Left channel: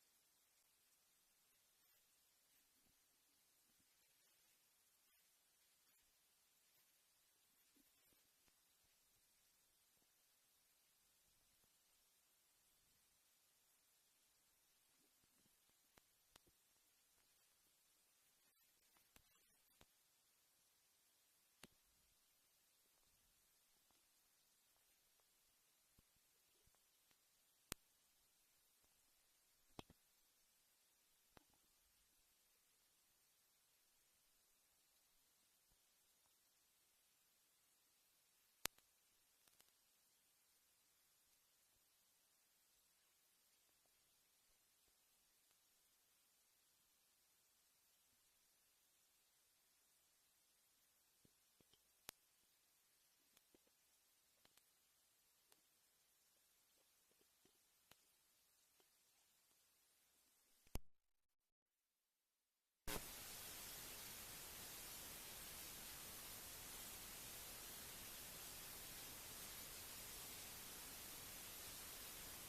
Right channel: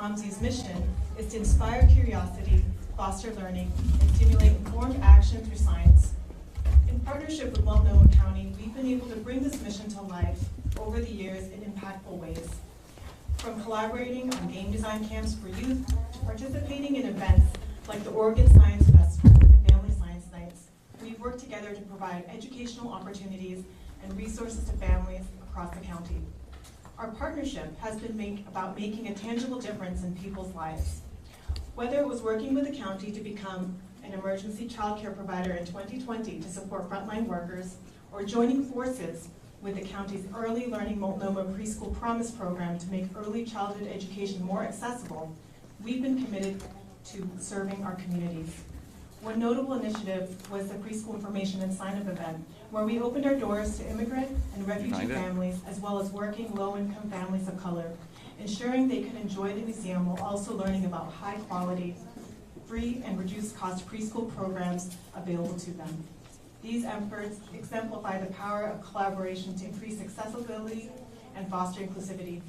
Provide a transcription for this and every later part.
OMSI's mission is to inspire curiosity, foster learning, and stimulate informed action through science. In partnership with Multnomah County, we've been able to bring this mission to life over the years in impactful ways. From collaborating on game design camps for youth, to participating in events like the Oregon Science Festival and Family Science Nights, we've worked together to provide educational opportunities and resources to families across the county. Our partnership has been about making a tangible difference in people's lives. Whether it was working with the county to become an emergency child care provider in 2020 to support frontline workers, or joining forces with the county's Early Learning Multnomah Preschool Promise program to make early childhood education more accessible, we've been committed to serving our communities. One notable initiative was the preschool information and sign-up event, where we opened our doors to immigrant and refugee families, as well as working low-income families of color, ensuring they could enjoy the museum while also learning about high-quality, free and reduced-cost preschool programs available to them. These efforts exemplify the power of collaboration to increase accessibility and foster inclusivity.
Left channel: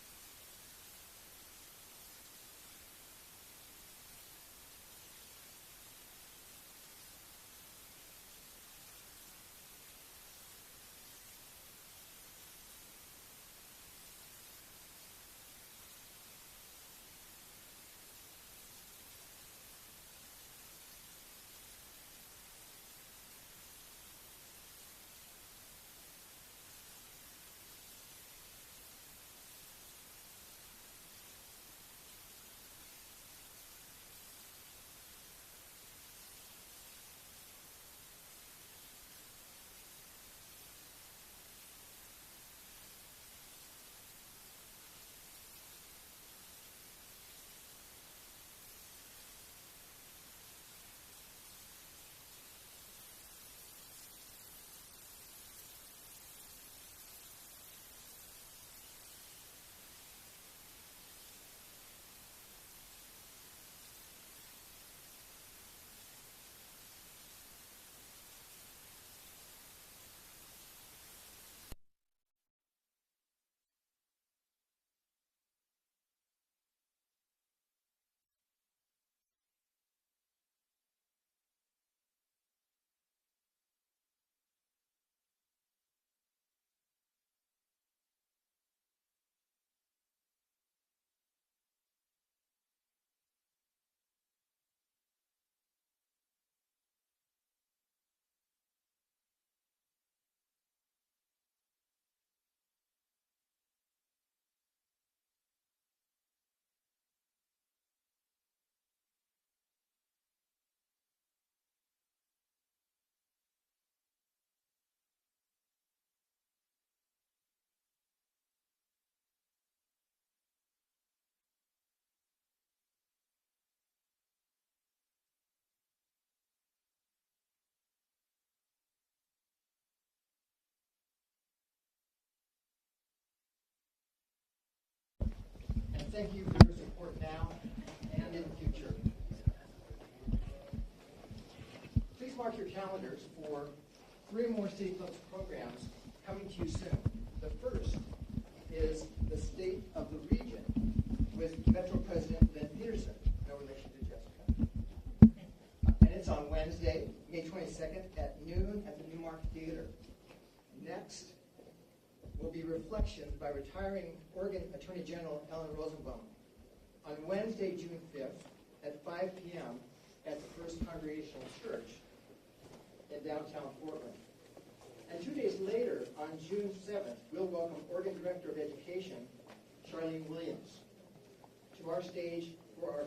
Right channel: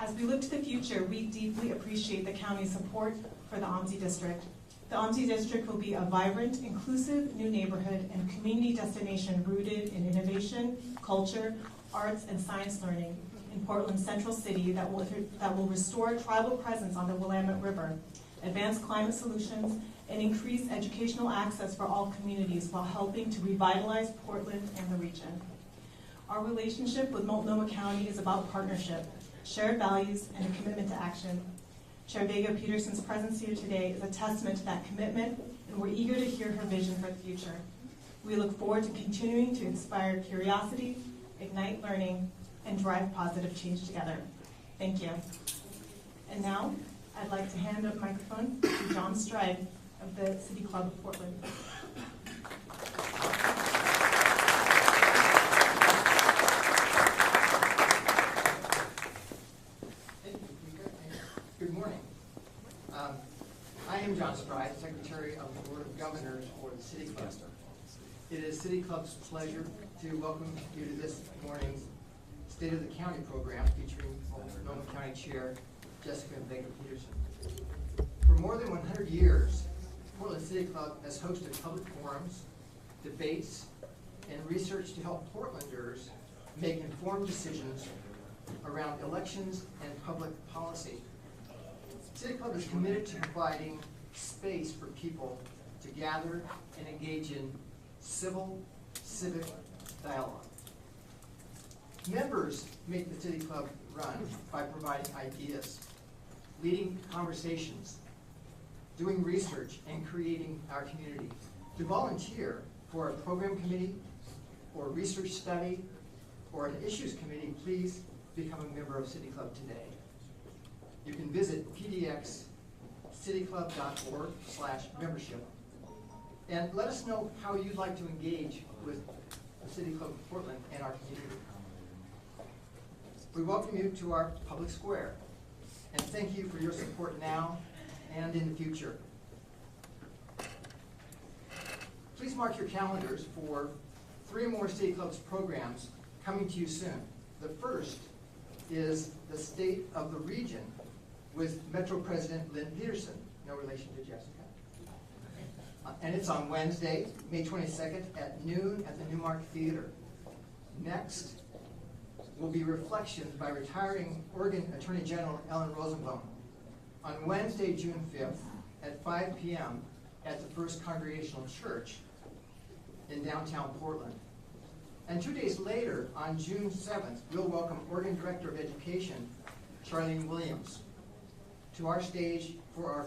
As we look to the future, we deeply appreciate the county's support for the OMSI district. The OMSI district will be a vibrant, inclusive new neighborhood and community destination rooted in innovation, culture, arts, and science learning in Portland's central city that will restore tribal presence on the Willamette River, advance climate solutions, and increase educational access for all communities while helping to revitalize Portland and the region. Our relationship with Multnomah County is about partnership, shared values, and a commitment to action. Chair Vega Pederson's presence here today is a testament to that commitment, and we're eager to hear her vision for the future. We look forward to continuing to inspire curiosity, ignite learning, and drive positive change together. Thank you. And now, I'd like to hand the microphone to John Stride of the City Club of Portland. Good morning. I am John Stride, Secretary of the Board of Governors for the City Club. It is City Club's pleasure to welcome you to this morning's State of the County program featuring Multnomah County Chair Jessica Vega Pederson. For more than 100 years, Portland City Club has hosted public forums, debates, and research to help Portlanders make informed decisions around elections and public policy. City Club is committed to providing space for people to gather and engage in civic dialogue. Members make the City Club run by providing ideas, leading conversations, doing research, and creating our community. To volunteer for a program committee, or research study, or an issues committee, please become a member of City Club today. You can visit pdxcityclub.org/membership and let us know how you'd like to engage with the City Club of Portland and our community. We welcome you to our public square and thank you for your support now and in the future. Please mark your calendars for 3 more City Club's programs coming to you soon. The first is the State of the Region with Metro President Lynn Peterson, no relation to Jessica. And it's on Wednesday, May 22nd at noon at the Newmark Theater. Next will be Reflections by retiring Oregon Attorney General Ellen Rosenbaum on Wednesday, June 5th at 5 p.m. at the First Congregational Church in downtown Portland. And 2 days later, on June 7th, we'll welcome Oregon Director of Education, Charlene Williams, to our stage for our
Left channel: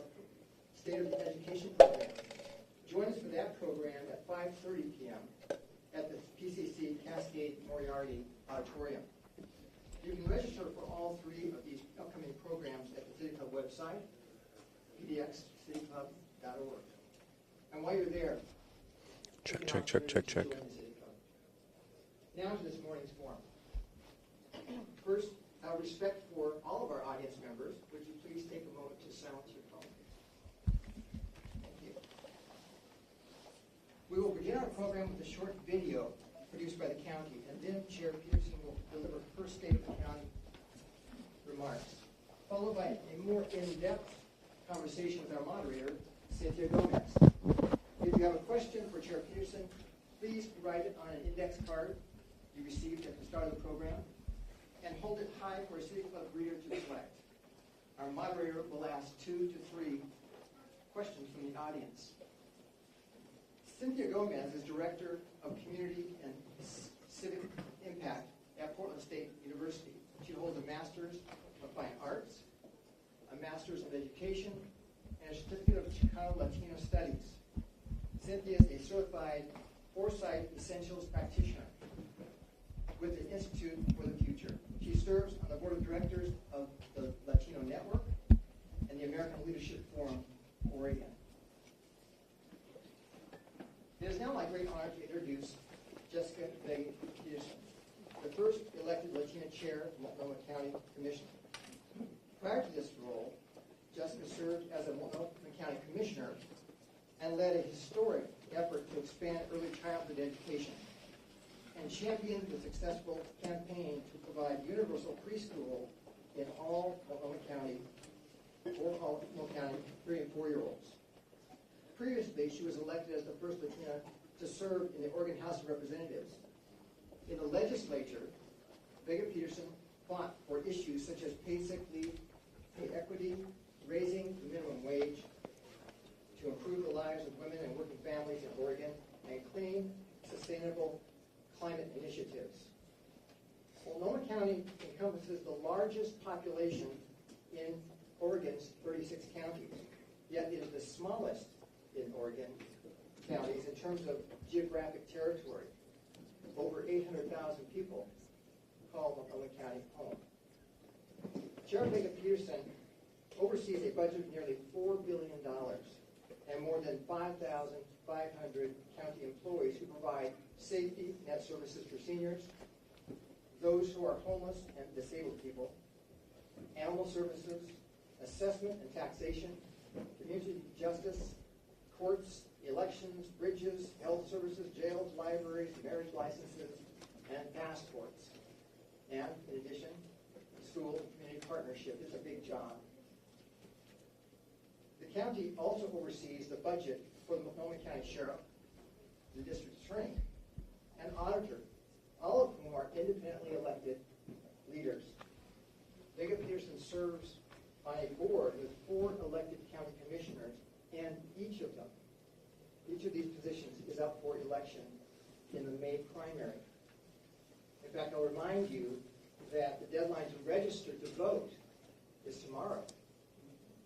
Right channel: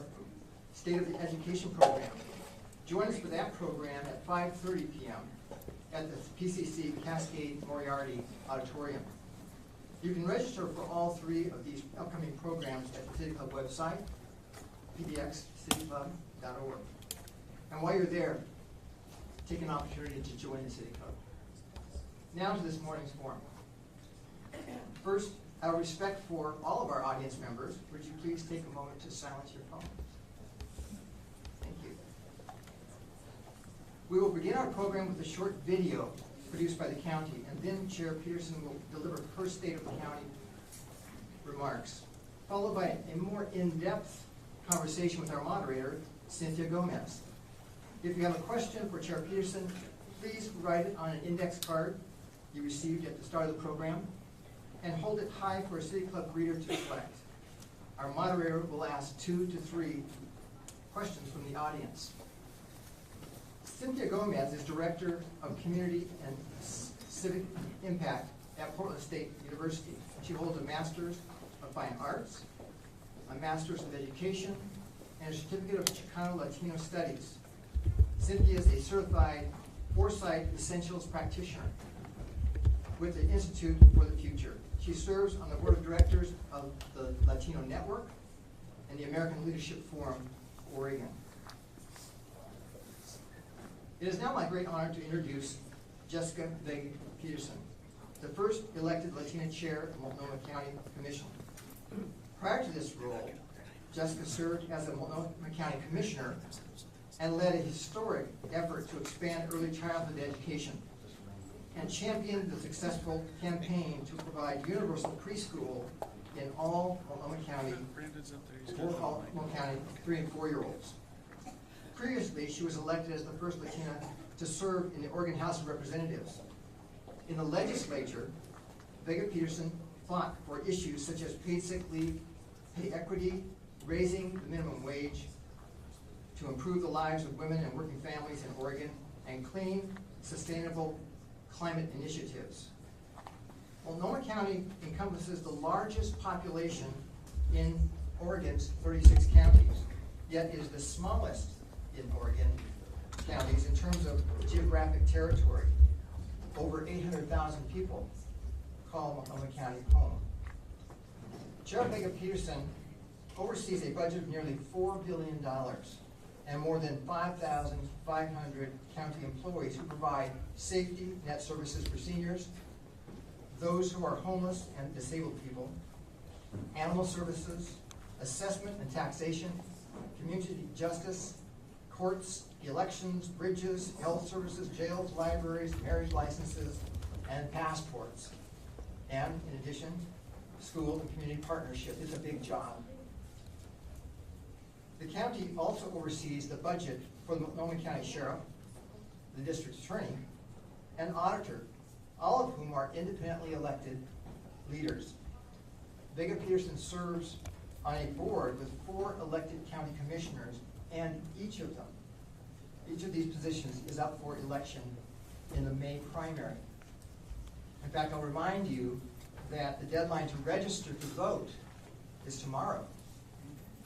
State of the Education program. Join us for that program at 5:30 p.m. at the PCC Cascade Moriarty Auditorium. You can register for all 3 of these upcoming programs at the City Club website, pdxcityclub.org. And while you're there, check. Join the City Club. Now to this morning's forum. First, out of respect for all of our audience members, would you please take a moment to silence your phone? Thank you. We will begin our program with a short video produced by the county, and then Chair Peterson will deliver her State of the County remarks. followed by a more in-depth conversation with our moderator, Cynthia Gomez. If you have a question for Chair Pederson, please write it on an index card you received at the start of the program and hold it high for a City Club reader to select. Our moderator will ask 2 to 3 questions from the audience. Cynthia Gomez is Director of Community and Civic Impact at Portland State University. She holds a Master's of Fine Arts, a Master's of Education, and a Certificate of Chicano Latino Studies. Cynthia is a certified Foresight Essentials practitioner with the Institute for the Future. She serves on the board of directors of the Latino Network and the American Leadership Forum, Oregon. It is now my great honor to introduce Jessica Vega Pederson, the first elected Latina chair of Multnomah County Commission. Prior to this role, Jessica served as a Multnomah County Commissioner and led a historic effort to expand early childhood education and championed the successful campaign to provide universal preschool in all Multnomah County 3- and 4-year-olds. Previously, she was elected as the first Latina to serve in the Oregon House of Representatives. In the legislature, Vega Pederson fought for issues such as paid sick leave, pay equity, raising the minimum wage, to improve the lives of women and working families in Oregon, and clean, sustainable climate initiatives. Multnomah County encompasses the largest population in Oregon's 36 counties, yet it is the smallest in Oregon counties in terms of geographic territory. Over 800,000 people call Multnomah County home. Chair Vega Pederson oversees a budget of nearly $4 billion and more than 5,500 county employees who provide safety net services for seniors, those who are homeless and disabled people, animal services, assessment and taxation, community justice, courts, elections, bridges, health services, jails, libraries, marriage licenses, and passports. And in addition, school and community partnership. It's a big job. The county also oversees the budget for the Multnomah County Sheriff, the district attorney, and auditor, all of whom are independently elected leaders. Vega Pederson serves on a board with 4 elected county commissioners, and each of these positions is up for election in the May primary. In fact, I'll remind you that the deadline to register to vote is tomorrow,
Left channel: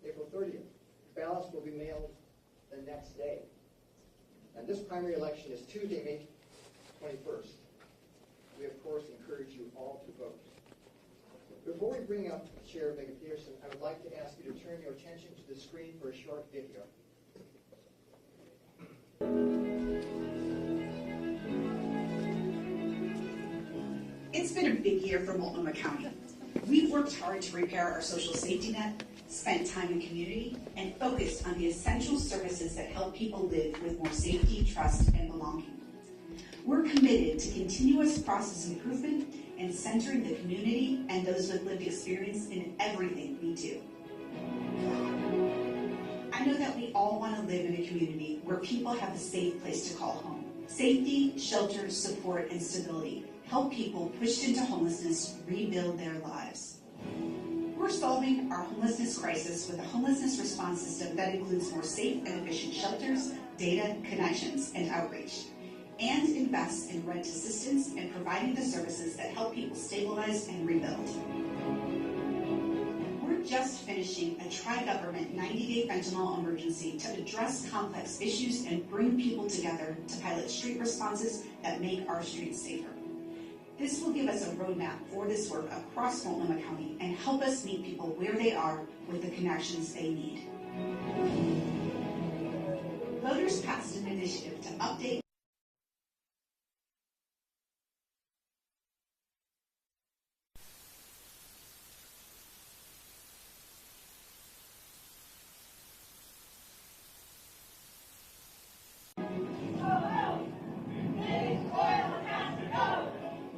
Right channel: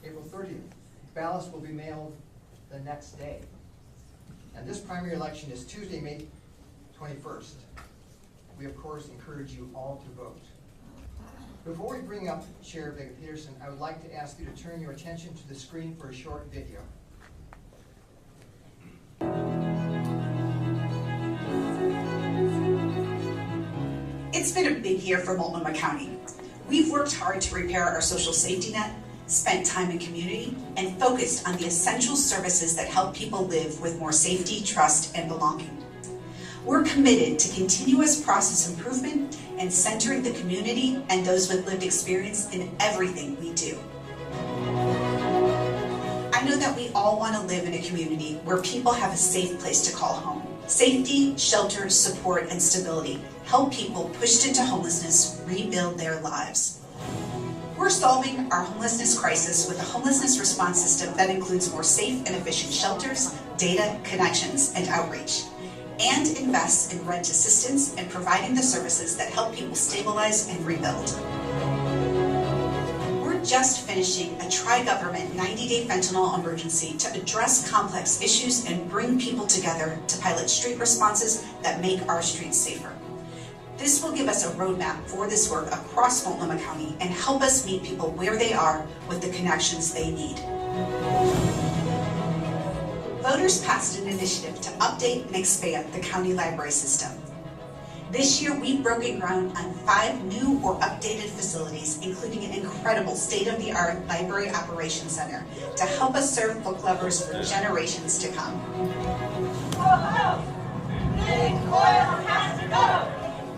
April 30th. Ballots will be mailed the next day. And this primary election is Tuesday, May 21st. We, of course, encourage you all to vote. Before we bring up Chair Vega Pederson, I would like to ask you to turn your attention to the screen for a short video. It's been a big year for Multnomah County. We've worked hard to repair our social safety net, spent time in community, and focused on the essential services that help people live with more safety, trust, and belonging. We're committed to continuous process improvement and centering the community and those with lived experience in everything we do. I know that we all want to live in a community where people have a safe place to call home. Safety, shelter, support, and stability help people pushed into homelessness rebuild their lives. We're solving our homelessness crisis with a homelessness response system that includes more safe and efficient shelters, data, connections, and outreach, and invests in rent assistance and providing the services that help people stabilize and rebuild. We're just finishing a tri-government 90-day fentanyl emergency to address complex issues and bring people together to pilot street responses that make our streets safer. This will give us a roadmap for this work across Multnomah County and help us meet people where they are with the connections they need. Voters passed an initiative to update and expand the county library system. This year, we've broken ground on 5 new or updated facilities, including an incredible state-of-the-art library operations center to help us serve book lovers for generations to come.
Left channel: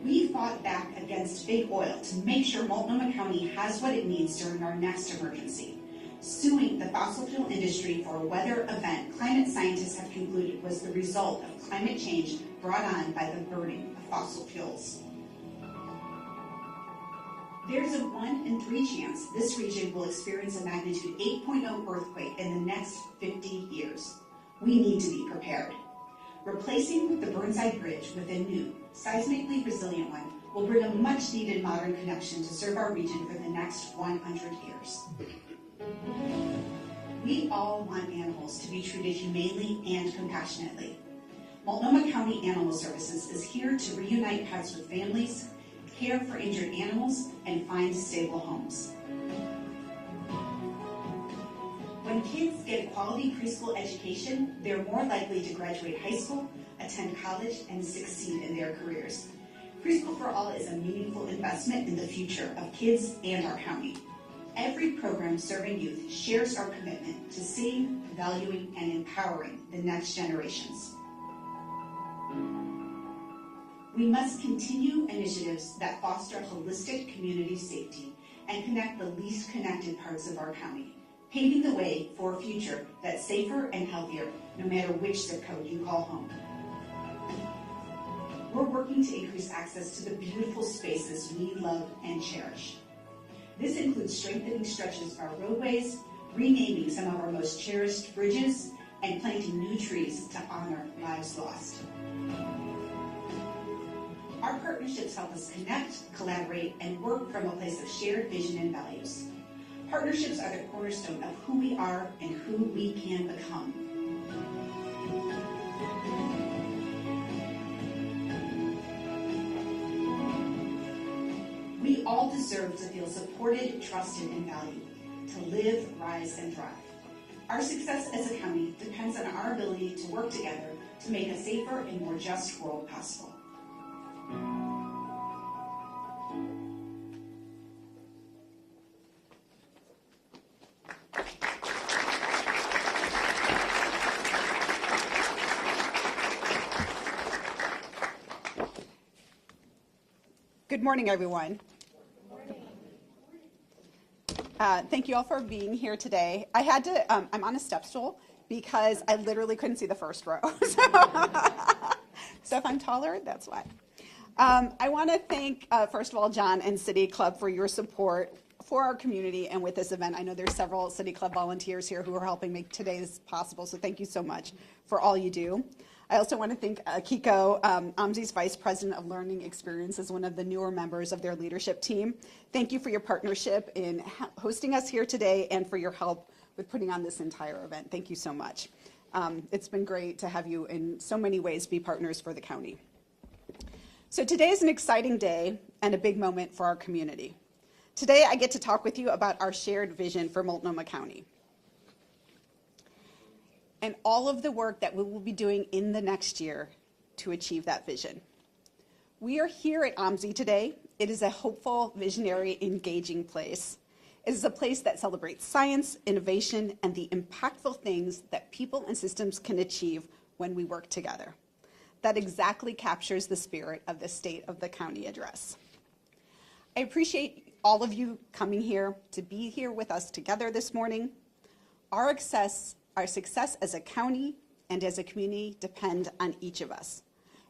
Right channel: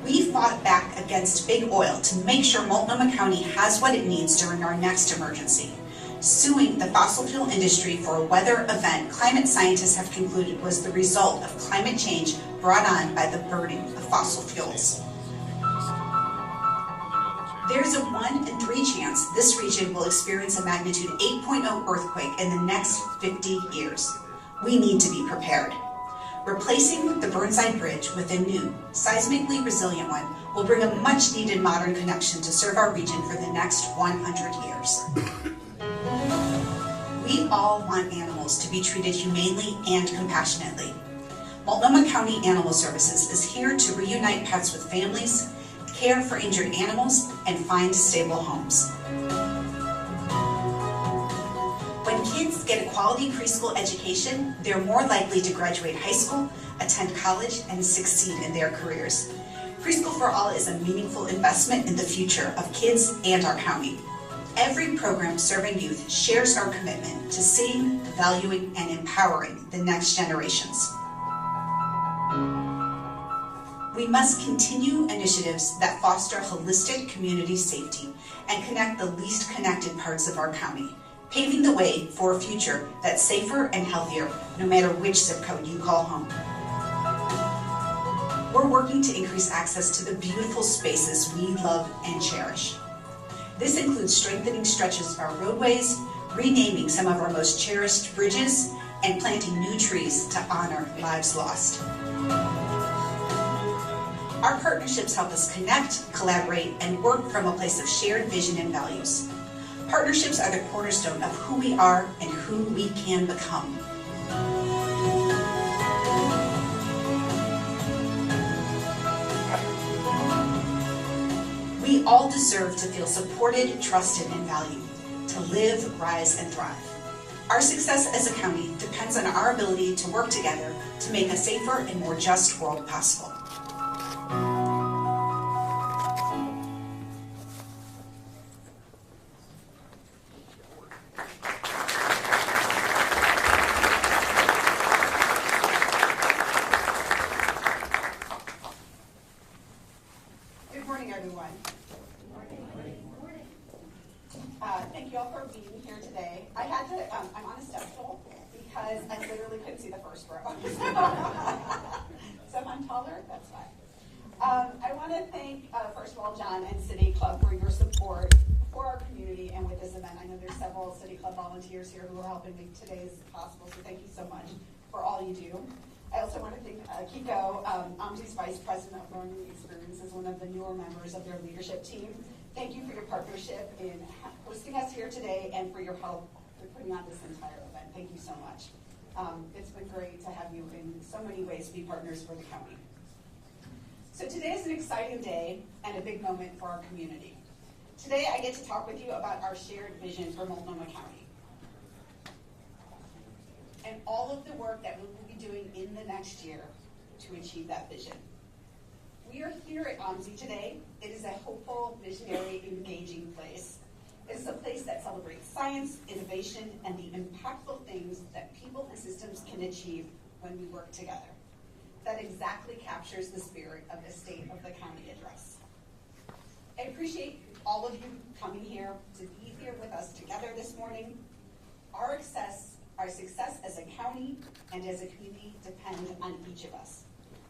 We fought back against big oil to make sure Multnomah County has what it needs during our next emergency. Suing the fossil fuel industry for a weather event climate scientists have concluded was the result of climate change brought on by the burning of fossil fuels. There's a 1 in 3 chance this region will experience a magnitude 8.0 earthquake in the next 50 years. We need to be prepared. Replacing the Burnside Bridge with a new, seismically resilient one will bring a much-needed modern connection to serve our region for the next 100 years. We all want animals to be treated humanely and compassionately. Multnomah County Animal Services is here to reunite pets with families, care for injured animals, and find stable homes. When kids get a quality preschool education, they're more likely to graduate high school, attend college, and succeed in their careers. Preschool for All is a meaningful investment in the future of kids and our county. Every program serving youth shares our commitment to seeing, valuing, and empowering the next generations. We must continue initiatives that foster holistic community safety and connect the least connected parts of our county, paving the way for a future that's safer and healthier no matter which zip code you call home. We're working to increase access to the beautiful spaces we love and cherish. This includes strengthening stretches of our roadways, renaming some of our most cherished bridges, and planting new trees to honor lives lost. Our partnerships help us connect, collaborate, and work from a place of shared vision and values. Partnerships are the cornerstone of who we are and who we can become. We all deserve to feel supported, trusted, and valued, to live, rise, and thrive. Our success as a county depends on our ability to work together to make a safer and more just world possible. Good morning, everyone. Thank you all for being here today. I had to, I'm on a step stool because I literally couldn't see the first row. So if I'm taller, that's why. I want to thank, first of all, John and City Club for your support for our community and with this event. I know there's several City Club volunteers here who are helping make today's possible, so thank you so much for all you do. I also want to thank Kiko, OMSI's Vice President of Learning Experiences, one of the newer members of their leadership team. Thank you for your partnership in hosting us here today and for your help with putting on this entire event. Thank you so much. It's been great to have you in so many ways be partners for the county. So today is an exciting day and a big moment for our community. Today I get to talk with you about our shared vision for Multnomah County and all of the work that we will be doing in the next year to achieve that vision. We are here at OMSI today. It is a hopeful, visionary, engaging place. It is a place that celebrates science, innovation, and the impactful things that people and systems can achieve when we work together. That exactly captures the spirit of the State of the County address. I appreciate all of you coming here to be here with us together this morning. Our success as a county and as a community depend on each of us,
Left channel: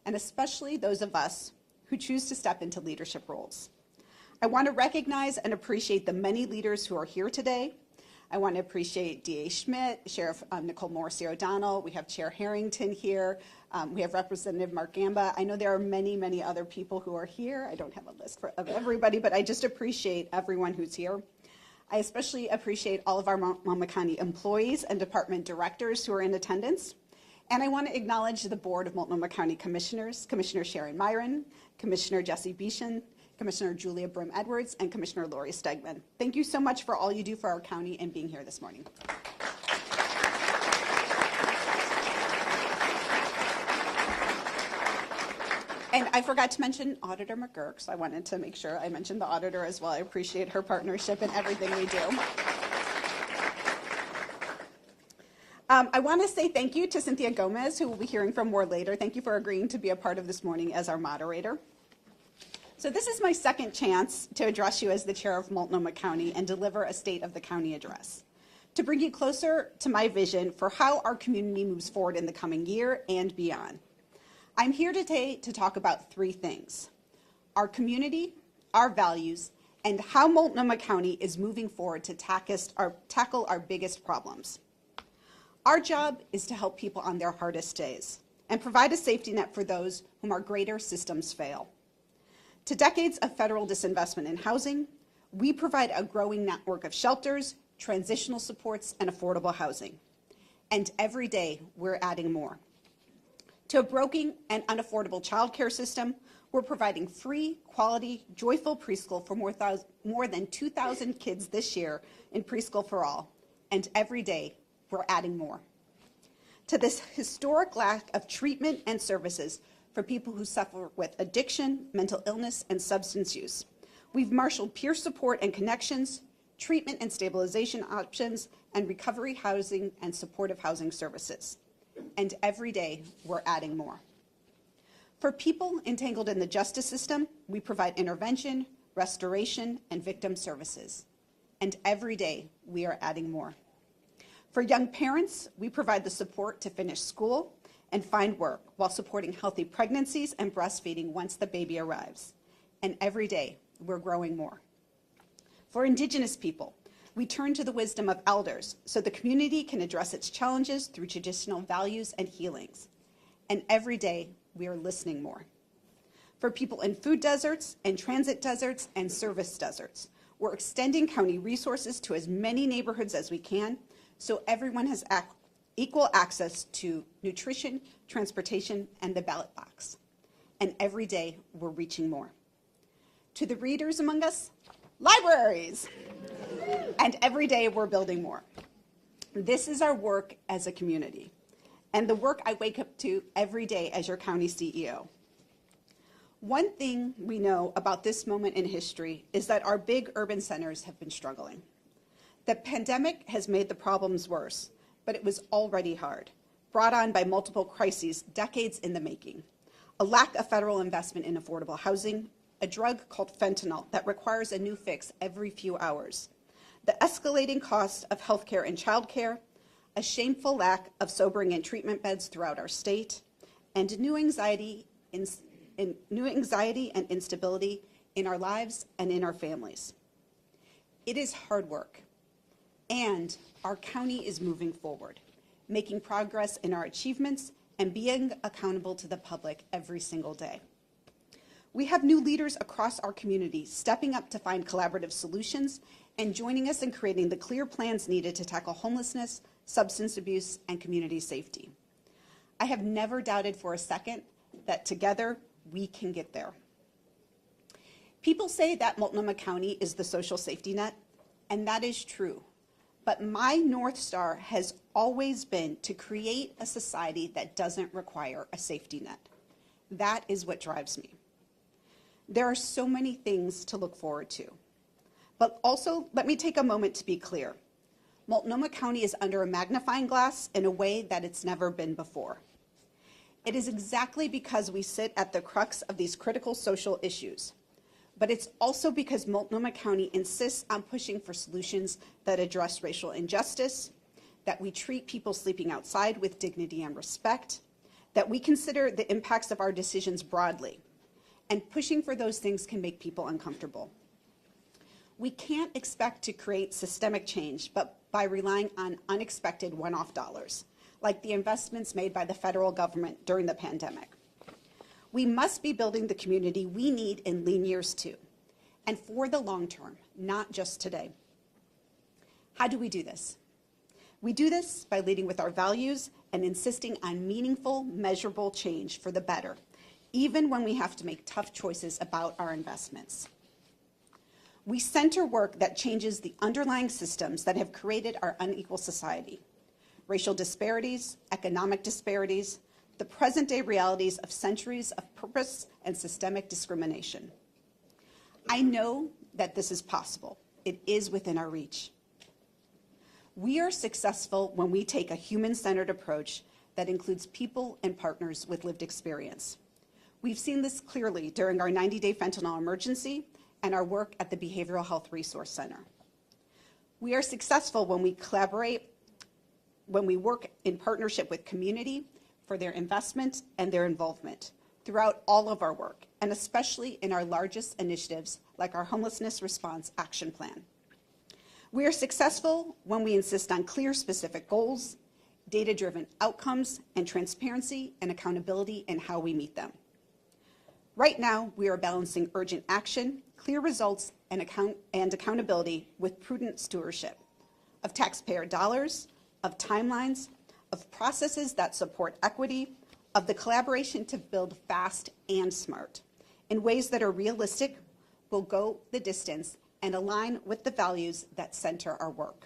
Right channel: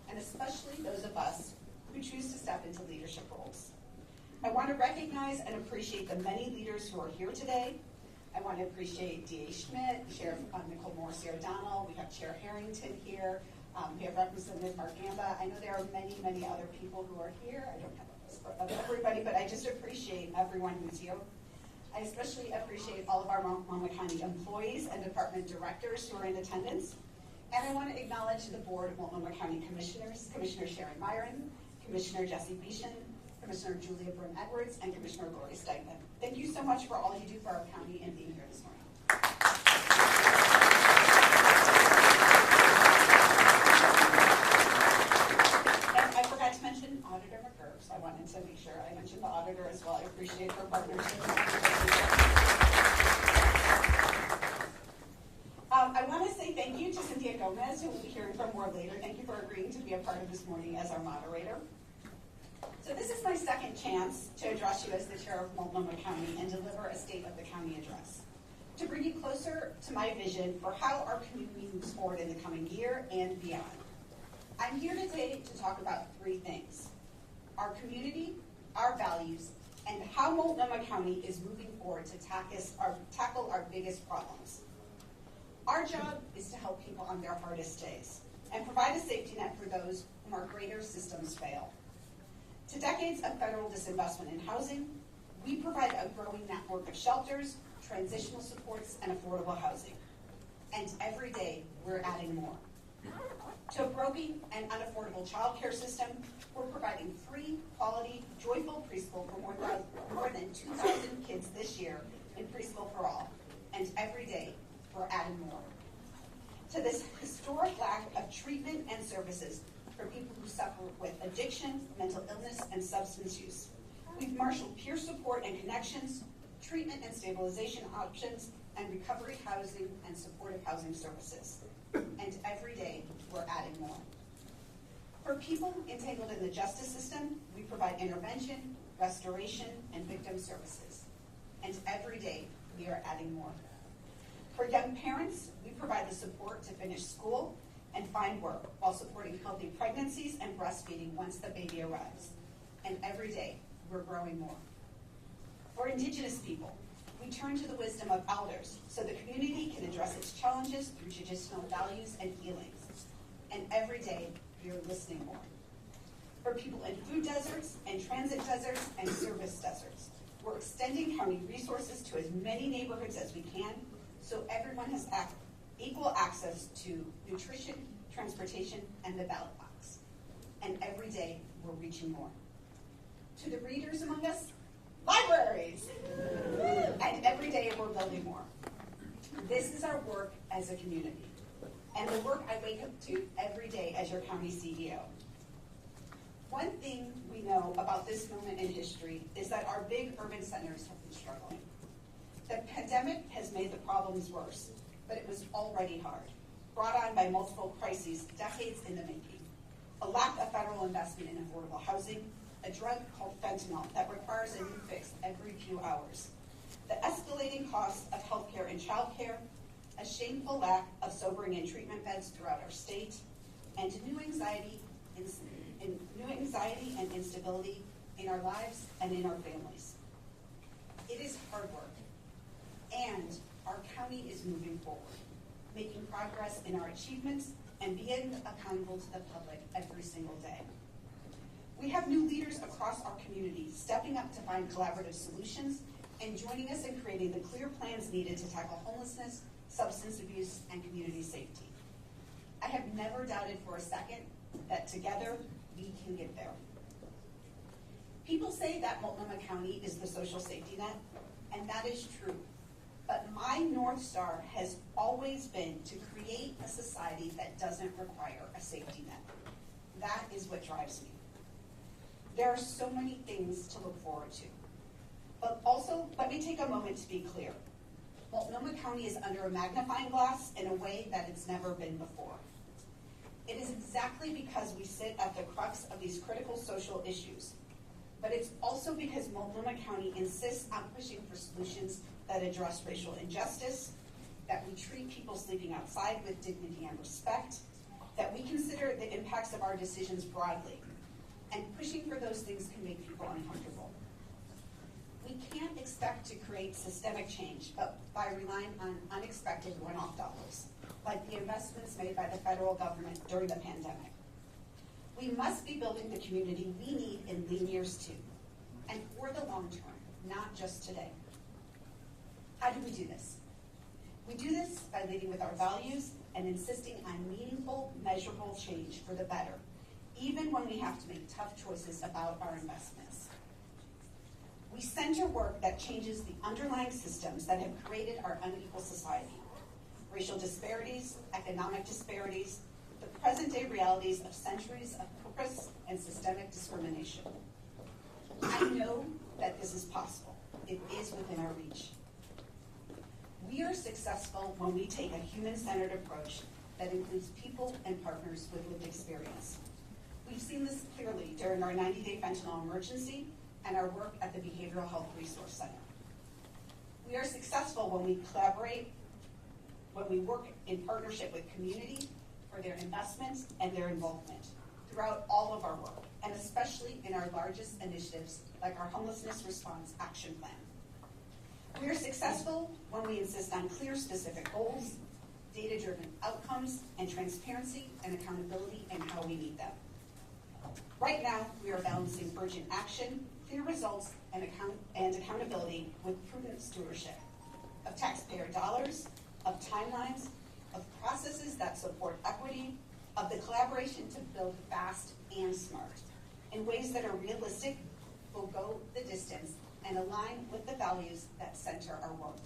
and especially those of us who choose to step into leadership roles. I want to recognize and appreciate the many leaders who are here today. I want to appreciate D.A. Schmidt, Sheriff Nicole Morrissey O'Donnell. We have Chair Harrington here. We have Representative Mark Gamba. I know there are many, many other people who are here. I don't have a list of everybody, but I just appreciate everyone who's here. I especially appreciate all of our Multnomah County employees and department directors who are in attendance. And I want to acknowledge the Board of Multnomah County Commissioners, Commissioner Sharon Myron, Commissioner Jesse Beeson, Commissioner Julia Brim-Edwards, and Commissioner Lori Stegman. Thank you so much for all you do for our county and being here this morning. And I forgot to mention Auditor McGurk, so I wanted to make sure I mentioned the auditor as well. I appreciate her partnership and everything we do. I want to say thank you to Cynthia Gomez, who we'll be hearing from more later. Thank you for agreeing to be a part of this morning as our moderator. So this is my second chance to address you as the chair of Multnomah County and deliver a State of the County address, to bring you closer to my vision for how our community moves forward in the coming year and beyond. I'm here today to talk about three things: our community, our values, and how Multnomah County is moving forward to tackle our biggest problems. Our job is to help people on their hardest days and provide a safety net for those whom our greater systems fail. To decades of federal disinvestment in housing, we provide a growing network of shelters, transitional supports, and affordable housing. And every day, we're adding more. To a broken and unaffordable childcare system, we're providing free, quality, joyful preschool for more than 2,000 kids this year in Preschool for All. And every day, we're adding more. To this historic lack of treatment and services for people who suffer with addiction, mental illness, and substance use, we've marshaled peer support and connections, treatment and stabilization options, and recovery housing and supportive housing services. And every day, we're adding more. For people entangled in the justice system, we provide intervention, restoration, and victim services. And every day, we are adding more. For young parents, we provide the support to finish school and find work while supporting healthy pregnancies and breastfeeding once the baby arrives. And every day, we're growing more. For Indigenous people, we turn to the wisdom of elders so the community can address its challenges through traditional values and healings. And every day, we are listening more. For people in food deserts and transit deserts and service deserts, we're extending county resources to as many neighborhoods as we can so everyone has equal access to nutrition, transportation, and the ballot box. And every day, we're reaching more. To the readers among us, libraries! And every day, we're building more. This is our work as a community, and the work I wake up to every day as your county CEO. One thing we know about this moment in history is that our big urban centers have been struggling. The pandemic has made the problems worse, but it was already hard, brought on by multiple crises decades in the making. A lack of federal investment in affordable housing, a drug called fentanyl that requires a new fix every few hours, the escalating cost of healthcare and childcare, a shameful lack of sobering and treatment beds throughout our state, and new anxiety and instability in our lives and in our families. It is hard work, and our county is moving forward, making progress in our achievements and being accountable to the public every single day. We have new leaders across our community stepping up to find collaborative solutions and joining us in creating the clear plans needed to tackle homelessness, substance abuse, and community safety. I have never doubted for a second that together we can get there. People say that Multnomah County is the social safety net, and that is true. But my North Star has always been to create a society that doesn't require a safety net. That is what drives me. There are so many things to look forward to. But also, let me take a moment to be clear. Multnomah County is under a magnifying glass in a way that it's never been before. It is exactly because we sit at the crux of these critical social issues. But it's also because Multnomah County insists on pushing for solutions that address racial injustice, that we treat people sleeping outside with dignity and respect, that we consider the impacts of our decisions broadly, and pushing for those things can make people uncomfortable. We can't expect to create systemic change but by relying on unexpected one-off dollars, like the investments made by the federal government during the pandemic. We must be building the community we need in lean years too, and for the long term, not just today. How do we do this? We do this by leading with our values and insisting on meaningful, measurable change for the better, even when we have to make tough choices about our investments. We center work that changes the underlying systems that have created our unequal society: racial disparities, economic disparities, the present-day realities of centuries of purpose and systemic discrimination. I know that this is possible. It is within our reach. We are successful when we take a human-centered approach that includes people and partners with lived experience. We've seen this clearly during our 90-day fentanyl emergency and our work at the Behavioral Health Resource Center. We are successful when we collaborate, when we work in partnership with community for their investment and their involvement throughout all of our work, and especially in our largest initiatives like our Homelessness Response Action Plan. We are successful when we insist on clear, specific goals, data-driven outcomes, and transparency and accountability in how we meet them. Right now, we are balancing urgent action, clear results, and accountability with prudent stewardship of taxpayer dollars, of timelines, of processes that support equity, of the collaboration to build fast and smart in ways that are realistic, will go the distance, and align with the values that center our work.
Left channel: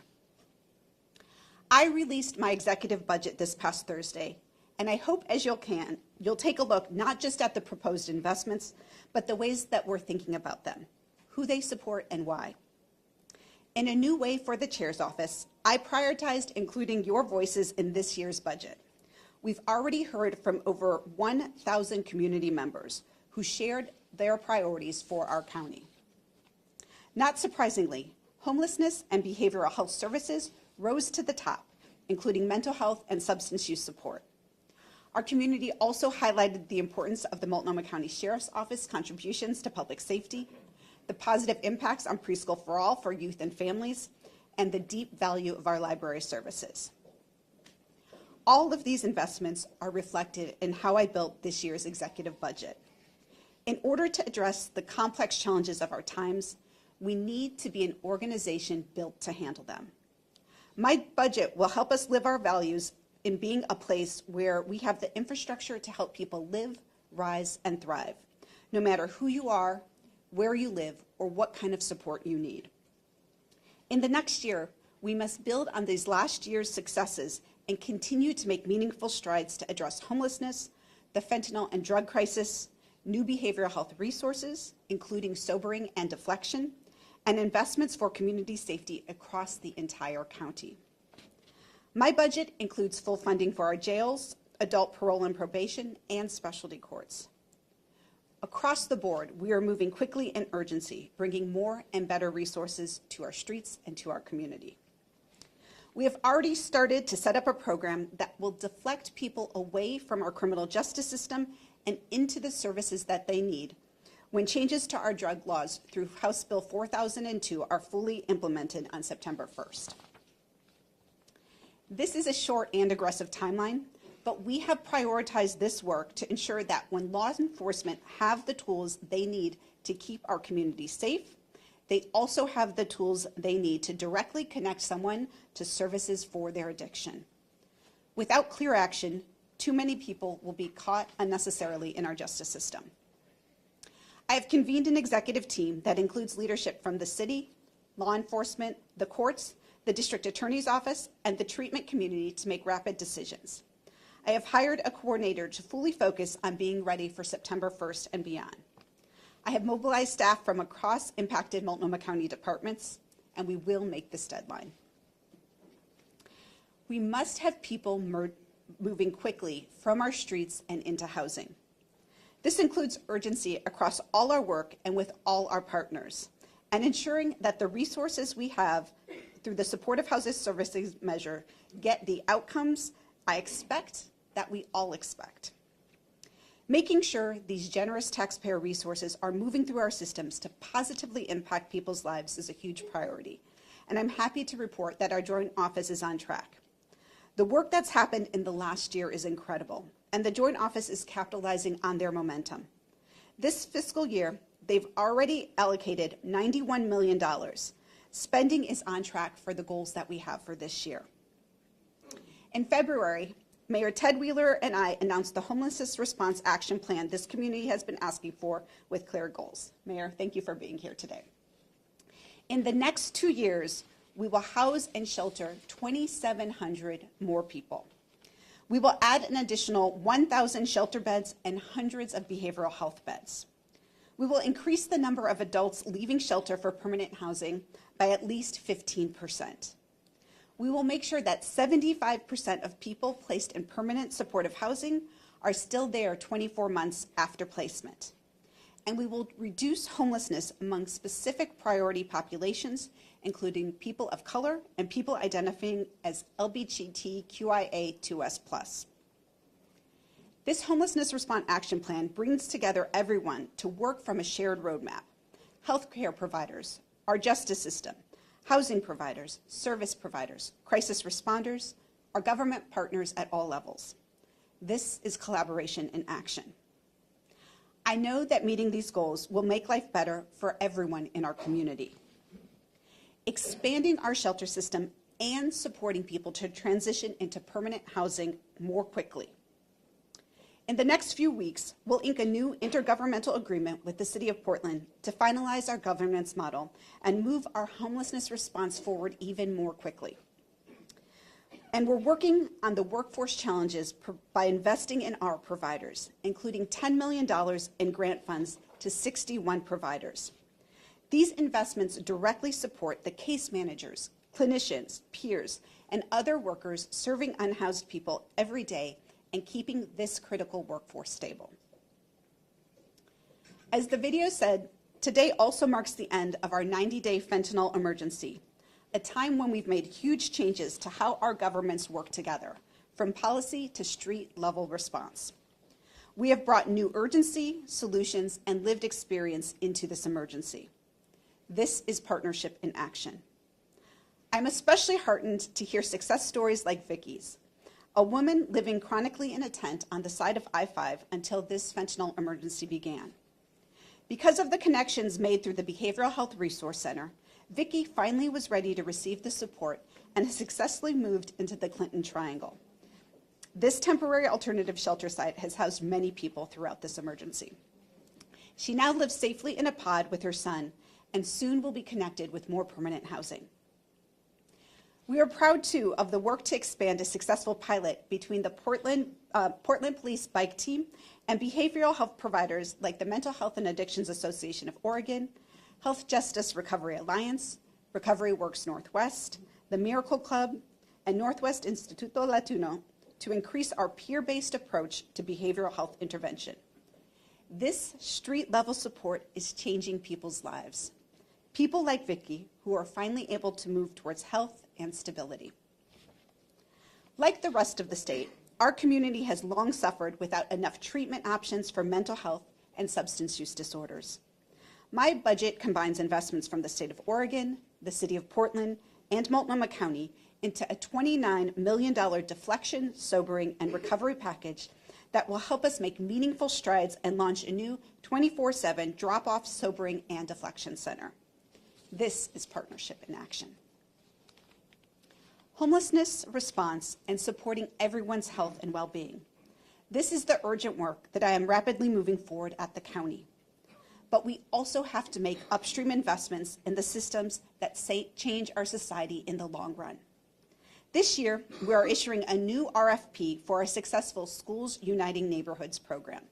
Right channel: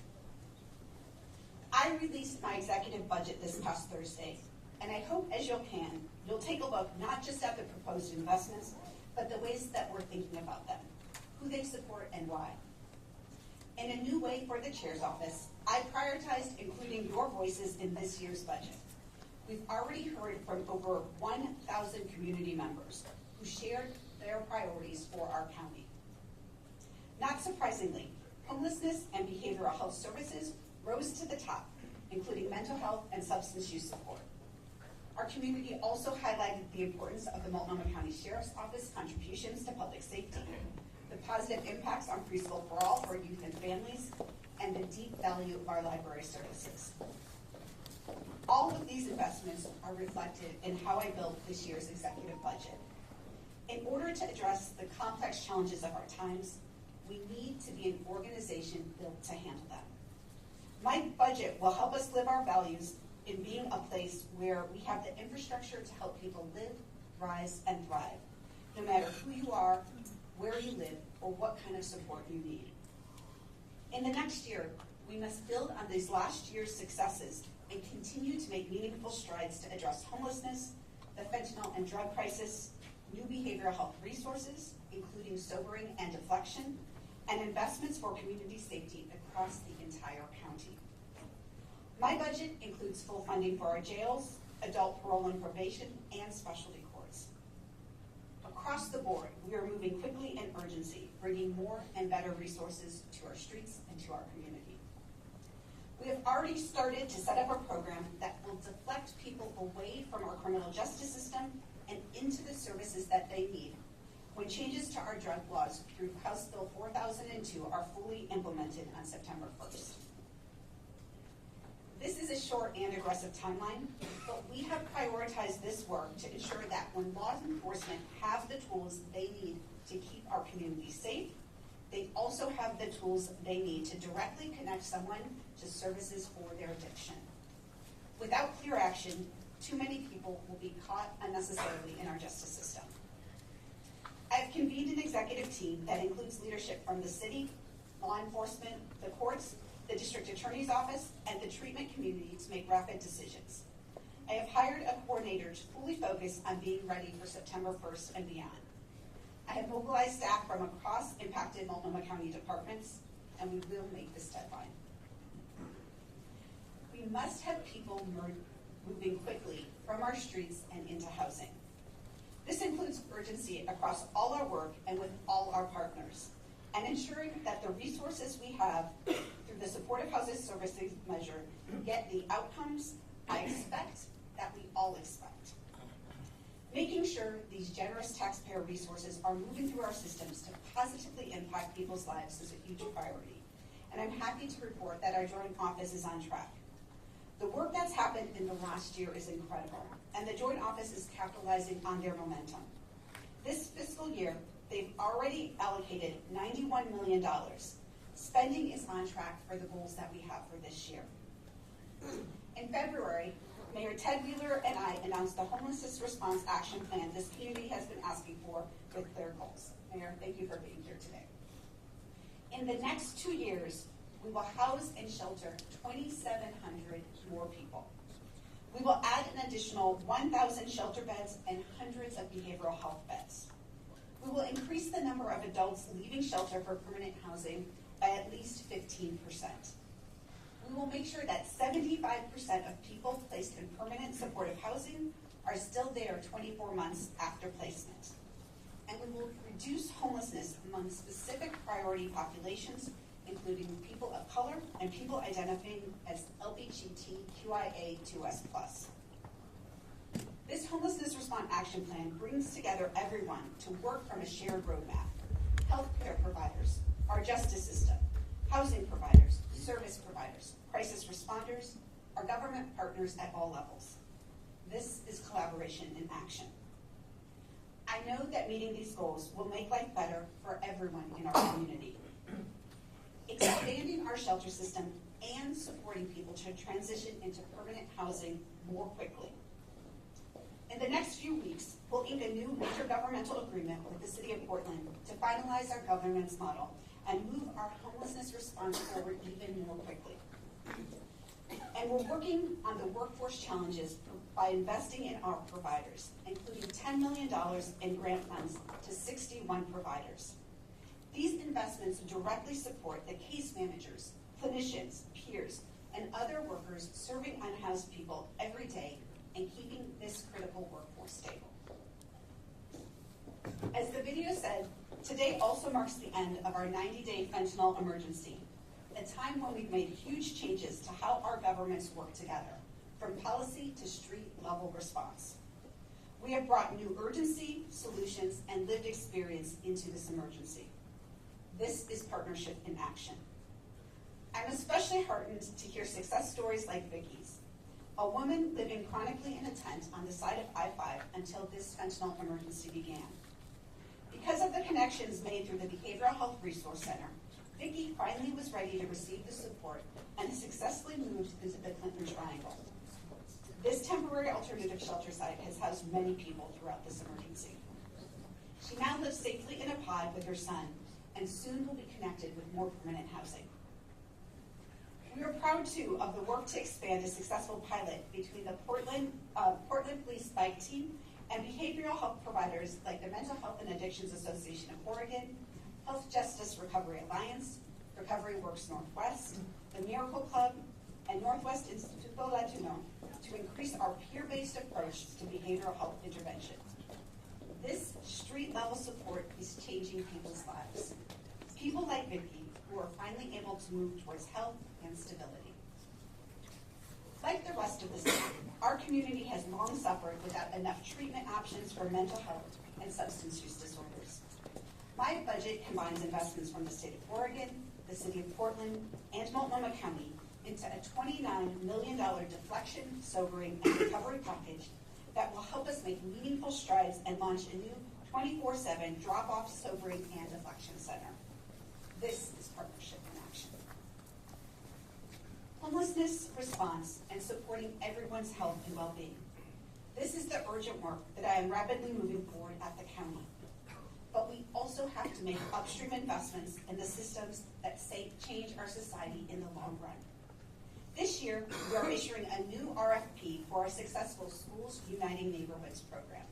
I released my executive budget this past Thursday, and I hope as you'll take a look not just at the proposed investments, but the ways that we're thinking about them, who they support and why. In a new way for the chair's office, I prioritized including your voices in this year's budget. We've already heard from over 1,000 community members who shared their priorities for our county. Not surprisingly, homelessness and behavioral health services rose to the top, including mental health and substance use support. Our community also highlighted the importance of the Multnomah County Sheriff's Office contributions to public safety, the positive impacts on Preschool for All for youth and families, and the deep value of our library services. All of these investments are reflected in how I built this year's executive budget. In order to address the complex challenges of our times, we need to be an organization built to handle them. My budget will help us live our values in being a place where we have the infrastructure to help people live, rise, and thrive, no matter who you are, where you live, or what kind of support you need. In the next year, we must build on these last year's successes and continue to make meaningful strides to address homelessness, the fentanyl and drug crisis, new behavioral health resources, including sobering and deflection, and investments for community safety across the entire county. My budget includes full funding for our jails, adult parole and probation, and specialty courts. Across the board, we are moving quickly and urgency, bringing more and better resources to our streets and to our community. We have already started to set up a program that will deflect people away from our criminal justice system and into the services that they need when changes to our drug laws through House Bill 4002 are fully implemented on September 1st. This is a short and aggressive timeline, but we have prioritized this work to ensure that when law enforcement have the tools they need to keep our community safe, they also have the tools they need to directly connect someone to services for their addiction. Without clear action, too many people will be caught unnecessarily in our justice system. I have convened an executive team that includes leadership from the city, law enforcement, the courts, the district attorney's office, and the treatment community to make rapid decisions. I have hired a coordinator to fully focus on being ready for September 1st and beyond. I have mobilized staff from across impacted Multnomah County departments, and we will make this deadline. We must have people moving quickly from our streets and into housing. This includes urgency across all our work and with all our partners, and ensuring that the resources we have through the Supportive Housing Services measure get the outcomes I expect that we all expect. Making sure these generous taxpayer resources are moving through our systems to positively impact people's lives is a huge priority, and I'm happy to report that our joint office is on track. The work that's happened in the last year is incredible, and the joint office is capitalizing on their momentum. This fiscal year, they've already allocated $91 million. Spending is on track for the goals that we have for this year. In February, Mayor Ted Wheeler and I announced the Homelessness Response Action Plan this community has been asking for with clear goals. Mayor, thank you for being here today. In the next 2 years, we will house and shelter 2,700 more people. We will add an additional 1,000 shelter beds and hundreds of behavioral health beds. We will increase the number of adults leaving shelter for permanent housing by at least 15%. We will make sure that 75% of people placed in permanent supportive housing are still there 24 months after placement. And we will reduce homelessness among specific priority populations, including people of color and people identifying as LGBTQIA2S+. This Homelessness Response Action Plan brings together everyone to work from a shared roadmap: healthcare providers, our justice system, housing providers, service providers, crisis responders, our government partners at all levels. This is collaboration in action. I know that meeting these goals will make life better for everyone in our community. Expanding our shelter system and supporting people to transition into permanent housing more quickly. In the next few weeks, we'll ink a new intergovernmental agreement with the City of Portland to finalize our governance model and move our homelessness response forward even more quickly. And we're working on the workforce challenges by investing in our providers, including $10 million in grant funds to 61 providers. These investments directly support the case managers, clinicians, peers, and other workers serving unhoused people every day and keeping this critical workforce stable. As the video said, today also marks the end of our 90-day fentanyl emergency, a time when we've made huge changes to how our governments work together, from policy to street-level response. We have brought new urgency, solutions, and lived experience into this emergency. This is partnership in action. I'm especially heartened to hear success stories like Vicky's, a woman living chronically in a tent on the side of I-5 until this fentanyl emergency began. Because of the connections made through the Behavioral Health Resource Center, Vicky finally was ready to receive the support and has successfully moved into the Clinton Triangle. This temporary alternative shelter site has housed many people throughout this emergency. She now lives safely in a pod with her son and soon will be connected with more permanent housing. We are proud, too, of the work to expand a successful pilot between the Portland Police Bike Team and behavioral health providers like the Mental Health and Addictions Association of Oregon, Health Justice Recovery Alliance, Recovery Works Northwest, the Miracle Club, and Northwest Instituto Latino to increase our peer-based approach to behavioral health intervention. This street-level support is changing people's lives. People like Vicky, who are finally able to move towards health and stability. Like the rest of the state, our community has long suffered without enough treatment options for mental health and substance use disorders. My budget combines investments from the state of Oregon, the city of Portland, and Multnomah County into a $29 million deflection, sobering, and recovery package that will help us make meaningful strides and launch a new 24/7 drop-off, sobering, and deflection center. This is partnership in action. Homelessness response and supporting everyone's health and well-being. This is the urgent work that I am rapidly moving forward at the county. But we also have to make upstream investments in the systems that change our society in the long run. This year, we are issuing a new RFP for our successful Schools Uniting Neighborhoods program.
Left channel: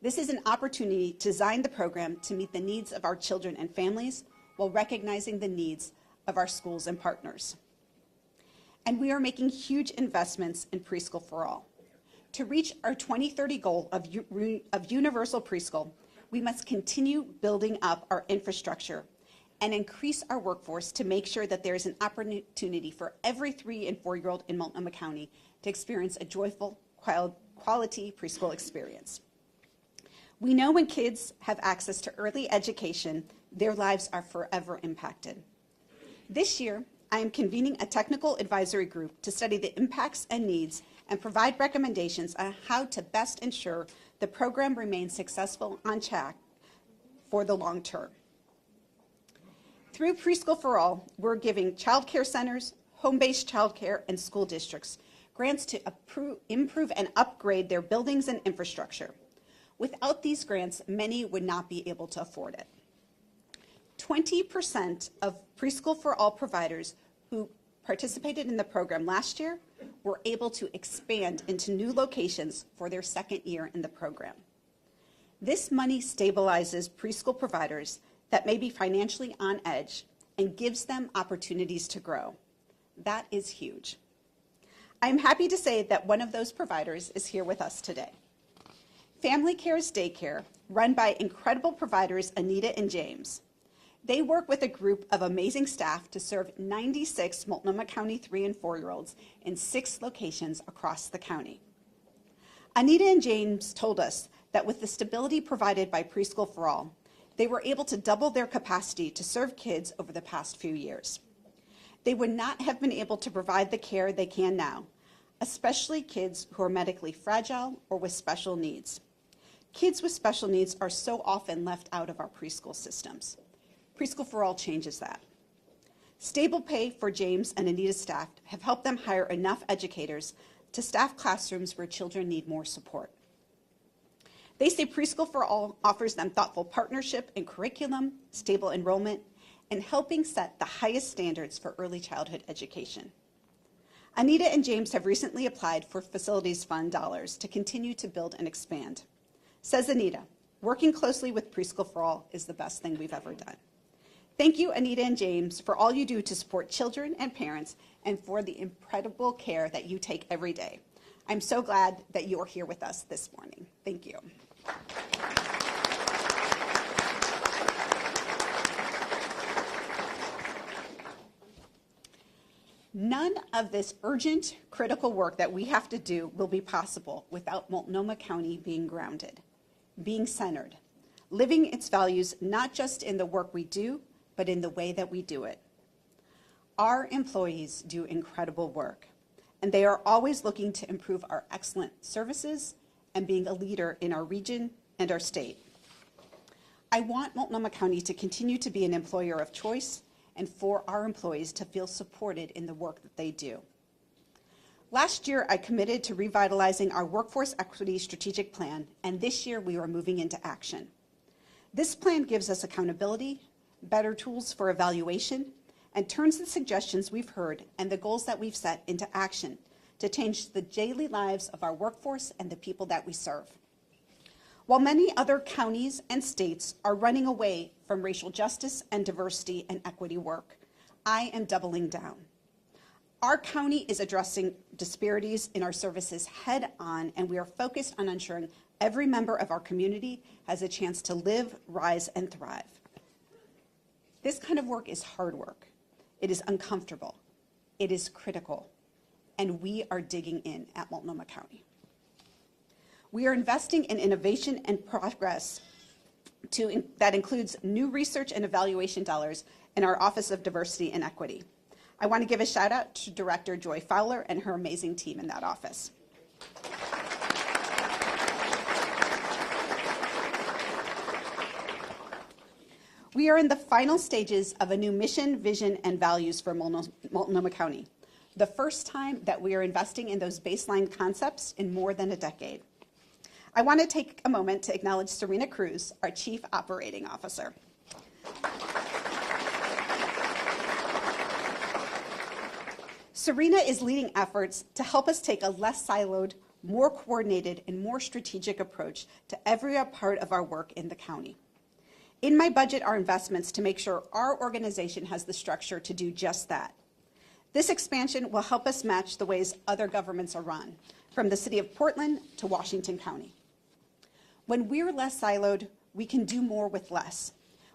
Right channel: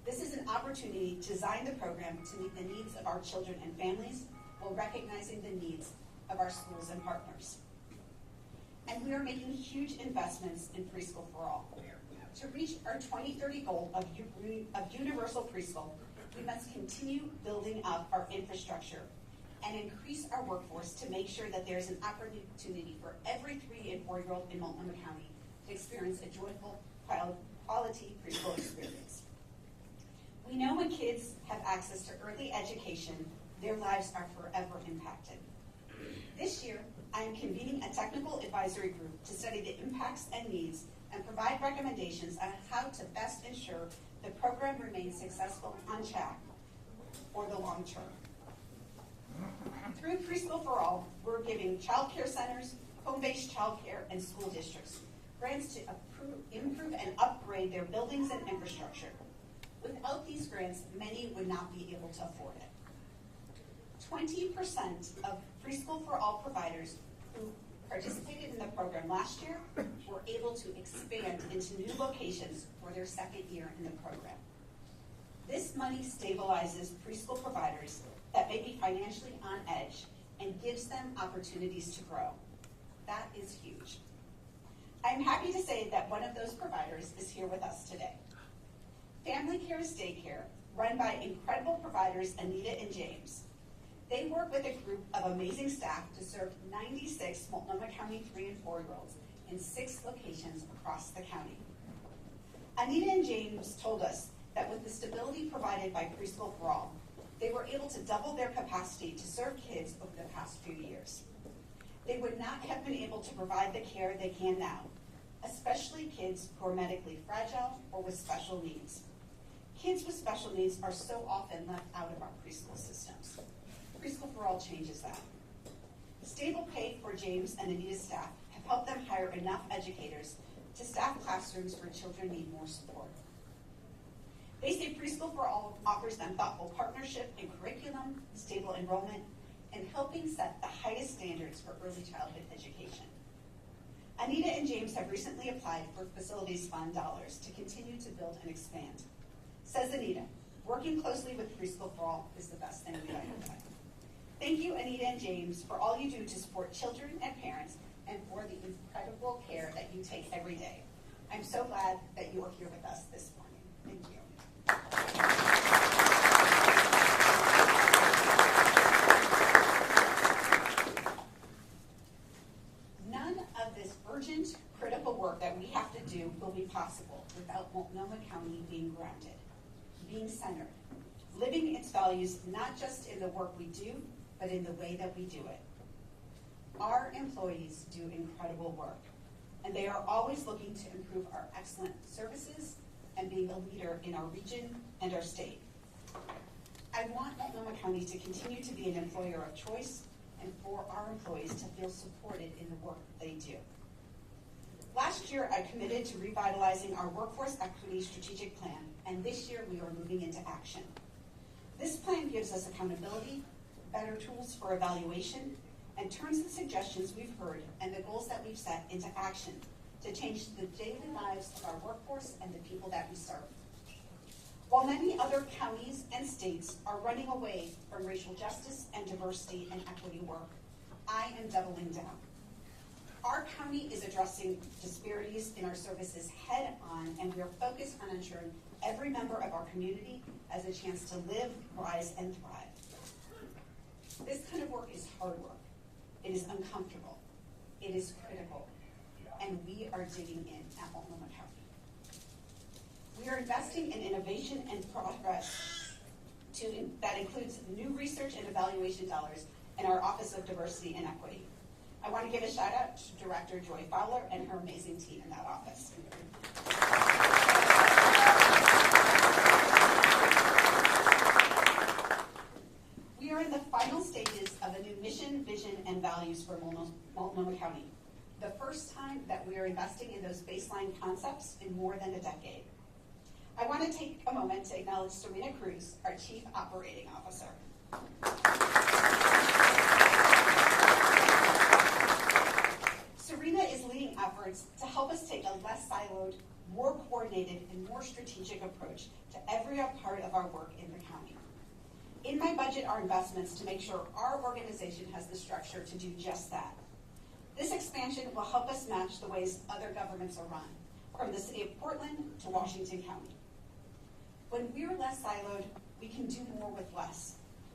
This is an opportunity to design the program to meet the needs of our children and families while recognizing the needs of our schools and partners. And we are making huge investments in preschool for all. To reach our 2030 goal of universal preschool, we must continue building up our infrastructure and increase our workforce to make sure that there is an opportunity for every 3- and 4-year-old in Multnomah County to experience a joyful, quality preschool experience. We know when kids have access to early education, their lives are forever impacted. This year, I am convening a technical advisory group to study the impacts and needs and provide recommendations on how to best ensure the program remains successful on track for the long term. Through Preschool for All, we're giving child care centers, home-based child care, and school districts grants to improve and upgrade their buildings and infrastructure. Without these grants, many would not be able to afford it. 20% of Preschool for All providers who participated in the program last year were able to expand into new locations for their second year in the program. This money stabilizes preschool providers that may be financially on edge and gives them opportunities to grow. That is huge. I'm happy to say that one of those providers is here with us today. Family Cares Daycare, run by incredible providers Anita and James. They work with a group of amazing staff to serve 96 Multnomah County 3 and 4-year-olds in 6 locations across the county. Anita and James told us that with the stability provided by Preschool for All, they were able to double their capacity to serve kids over the past few years. They would not have been able to provide the care they can now, especially kids who are medically fragile or with special needs. Kids with special needs are so often left out of our preschool systems. Preschool for All changes that. Stable pay for James and Anita's staff have helped them hire enough educators to staff classrooms where children need more support. They say Preschool for All offers them thoughtful partnership in curriculum, stable enrollment, and helping set the highest standards for early childhood education. Anita and James have recently applied for Facilities Fund dollars to continue to build and expand. Says Anita, working closely with Preschool for All is the best thing we've ever done. Thank you, Anita and James, for all you do to support children and parents and for the incredible care that you take every day. I'm so glad that you are here with us this morning. Thank you. None of this urgent, critical work that we have to do will be possible without Multnomah County being grounded, being centered, living its values not just in the work we do, but in the way that we do it. Our employees do incredible work, and they are always looking to improve our excellent services and being a leader in our region and our state. I want Multnomah County to continue to be an employer of choice and for our employees to feel supported in the work that they do. Last year, I committed to revitalizing our workforce equity strategic plan, and this year we are moving into action. This plan gives us accountability, better tools for evaluation, and turns the suggestions we've heard and the goals that we've set into action to change the daily lives of our workforce and the people that we serve. While many other counties and states are running away from racial justice and diversity and equity work, I am doubling down. Our county is addressing disparities in our services head on, and we are focused on ensuring every member of our community has a chance to live, rise, and thrive. This kind of work is hard work. It is uncomfortable. It is critical. And we are digging in at Multnomah County. We are investing in innovation and progress that includes new research and evaluation dollars in our Office of Diversity and Equity. I want to give a shout out to Director Joy Fowler and her amazing team in that office. We are in the final stages of a new mission, vision, and values for Multnomah County. The first time that we are investing in those baseline concepts in more than a decade. I want to take a moment to acknowledge Serena Cruz, our Chief Operating Officer. Serena is leading efforts to help us take a less siloed, more coordinated, and more strategic approach to every part of our work in the county. In my budget are investments to make sure our organization has the structure to do just that. This expansion will help us match the ways other governments are run, from the city of Portland to Washington County. When we're less siloed, we can do more with less.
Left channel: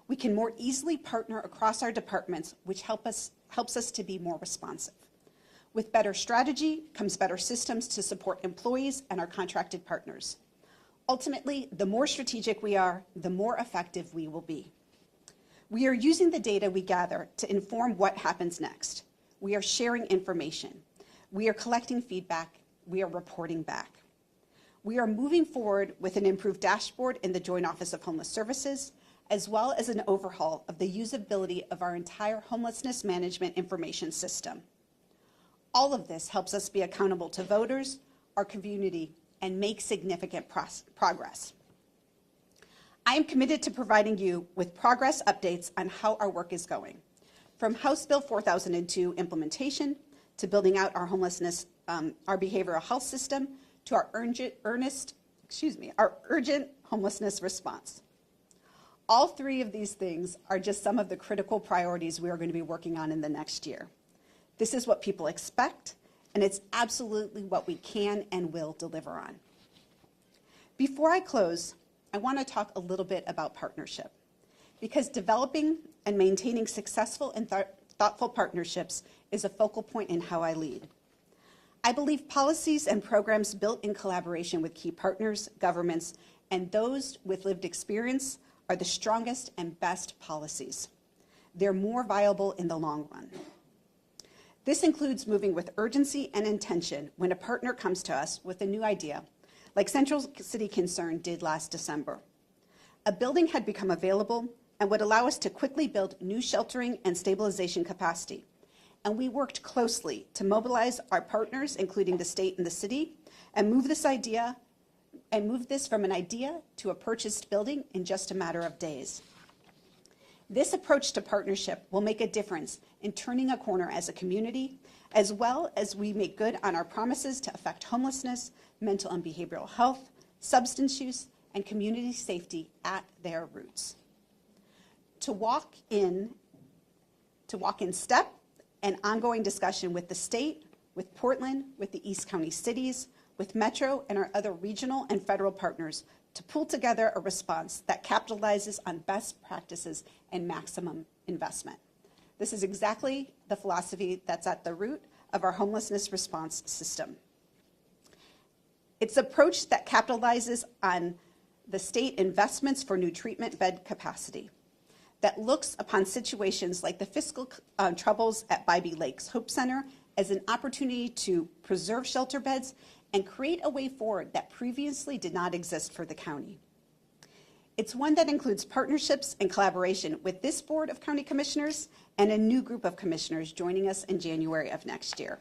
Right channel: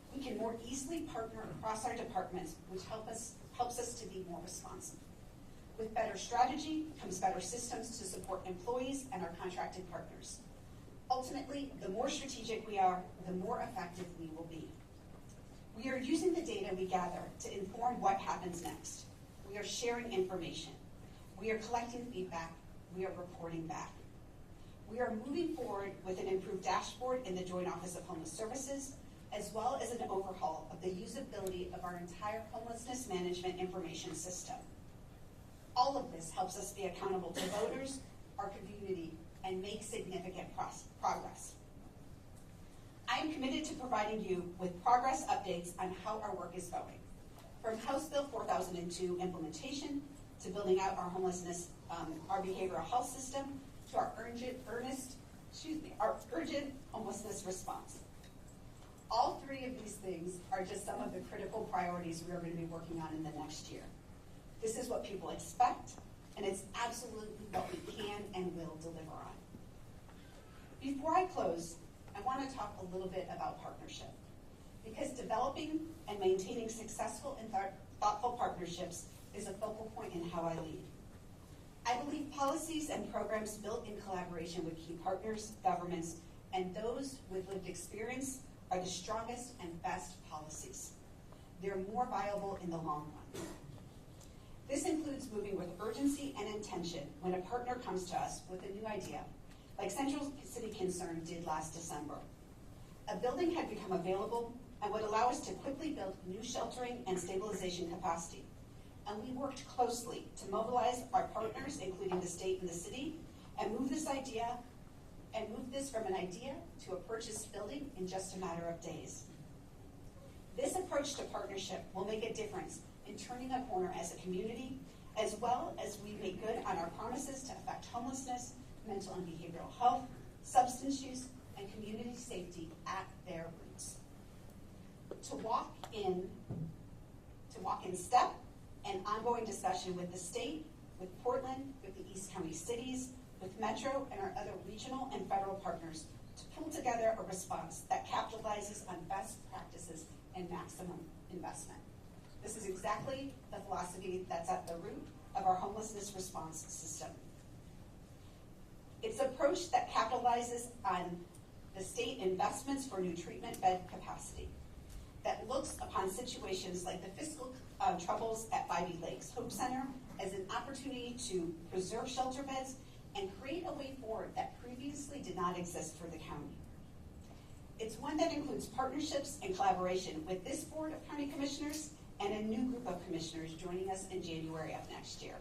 We can more easily partner across our departments, which helps us to be more responsive. With better strategy comes better systems to support employees and our contracted partners. Ultimately, the more strategic we are, the more effective we will be. We are using the data we gather to inform what happens next. We are sharing information. We are collecting feedback. We are reporting back. We are moving forward with an improved dashboard in the Joint Office of Homeless Services, as well as an overhaul of the usability of our entire homelessness management information system. All of this helps us be accountable to voters, our community, and make significant progress. I am committed to providing you with progress updates on how our work is going, from House Bill 4002 implementation to building out our homelessness, our behavioral health system, to our urgent homelessness response. All three of these things are just some of the critical priorities we are going to be working on in the next year. This is what people expect, and it's absolutely what we can and will deliver on. Before I close, I want to talk a little bit about partnership, because developing and maintaining successful and thoughtful partnerships is a focal point in how I lead. I believe policies and programs built in collaboration with key partners, governments, and those with lived experience are the strongest and best policies. They're more viable in the long run. This includes moving with urgency and intention when a partner comes to us with a new idea, like Central City Concern did last December. A building had become available and would allow us to quickly build new sheltering and stabilization capacity. And we worked closely to mobilize our partners, including the state and the city, and move this from an idea to a purchased building in just a matter of days. This approach to partnership will make a difference in turning a corner as a community, as well as we make good on our promises to affect homelessness, mental and behavioral health, substance use, and community safety at their roots. To walk in step and ongoing discussion with the state, with Portland, with the East County cities, with Metro and our other regional and federal partners to pull together a response that capitalizes on best practices and maximum investment. This is exactly the philosophy that's at the root of our homelessness response system. It's an approach that capitalizes on the state investments for new treatment bed capacity, that looks upon situations like the fiscal troubles at Bybee Lakes Hope Center as an opportunity to preserve shelter beds and create a way forward that previously did not exist for the county. It's one that includes partnerships and collaboration with this Board of County Commissioners and a new group of commissioners joining us in January of next year.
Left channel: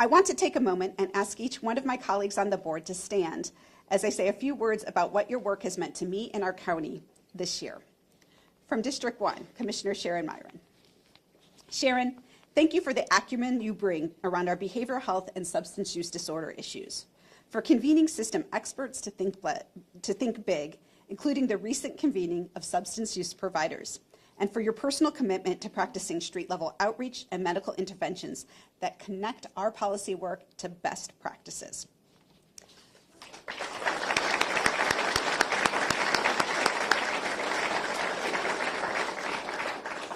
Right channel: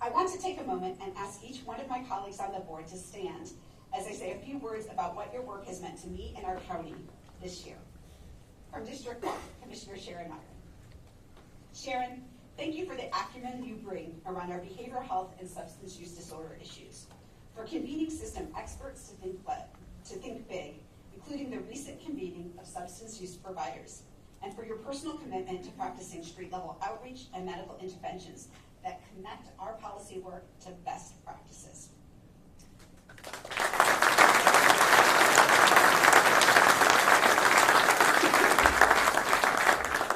I want to take a moment and ask each one of my colleagues on the board to stand as I say a few words about what your work has meant to me and our county this year. From District 1, Commissioner Sharon Myron. Sharon, thank you for the acumen you bring around our behavioral health and substance use disorder issues, for convening system experts to think big, including the recent convening of substance use providers, and for your personal commitment to practicing street-level outreach and medical interventions that connect our policy work to best practices.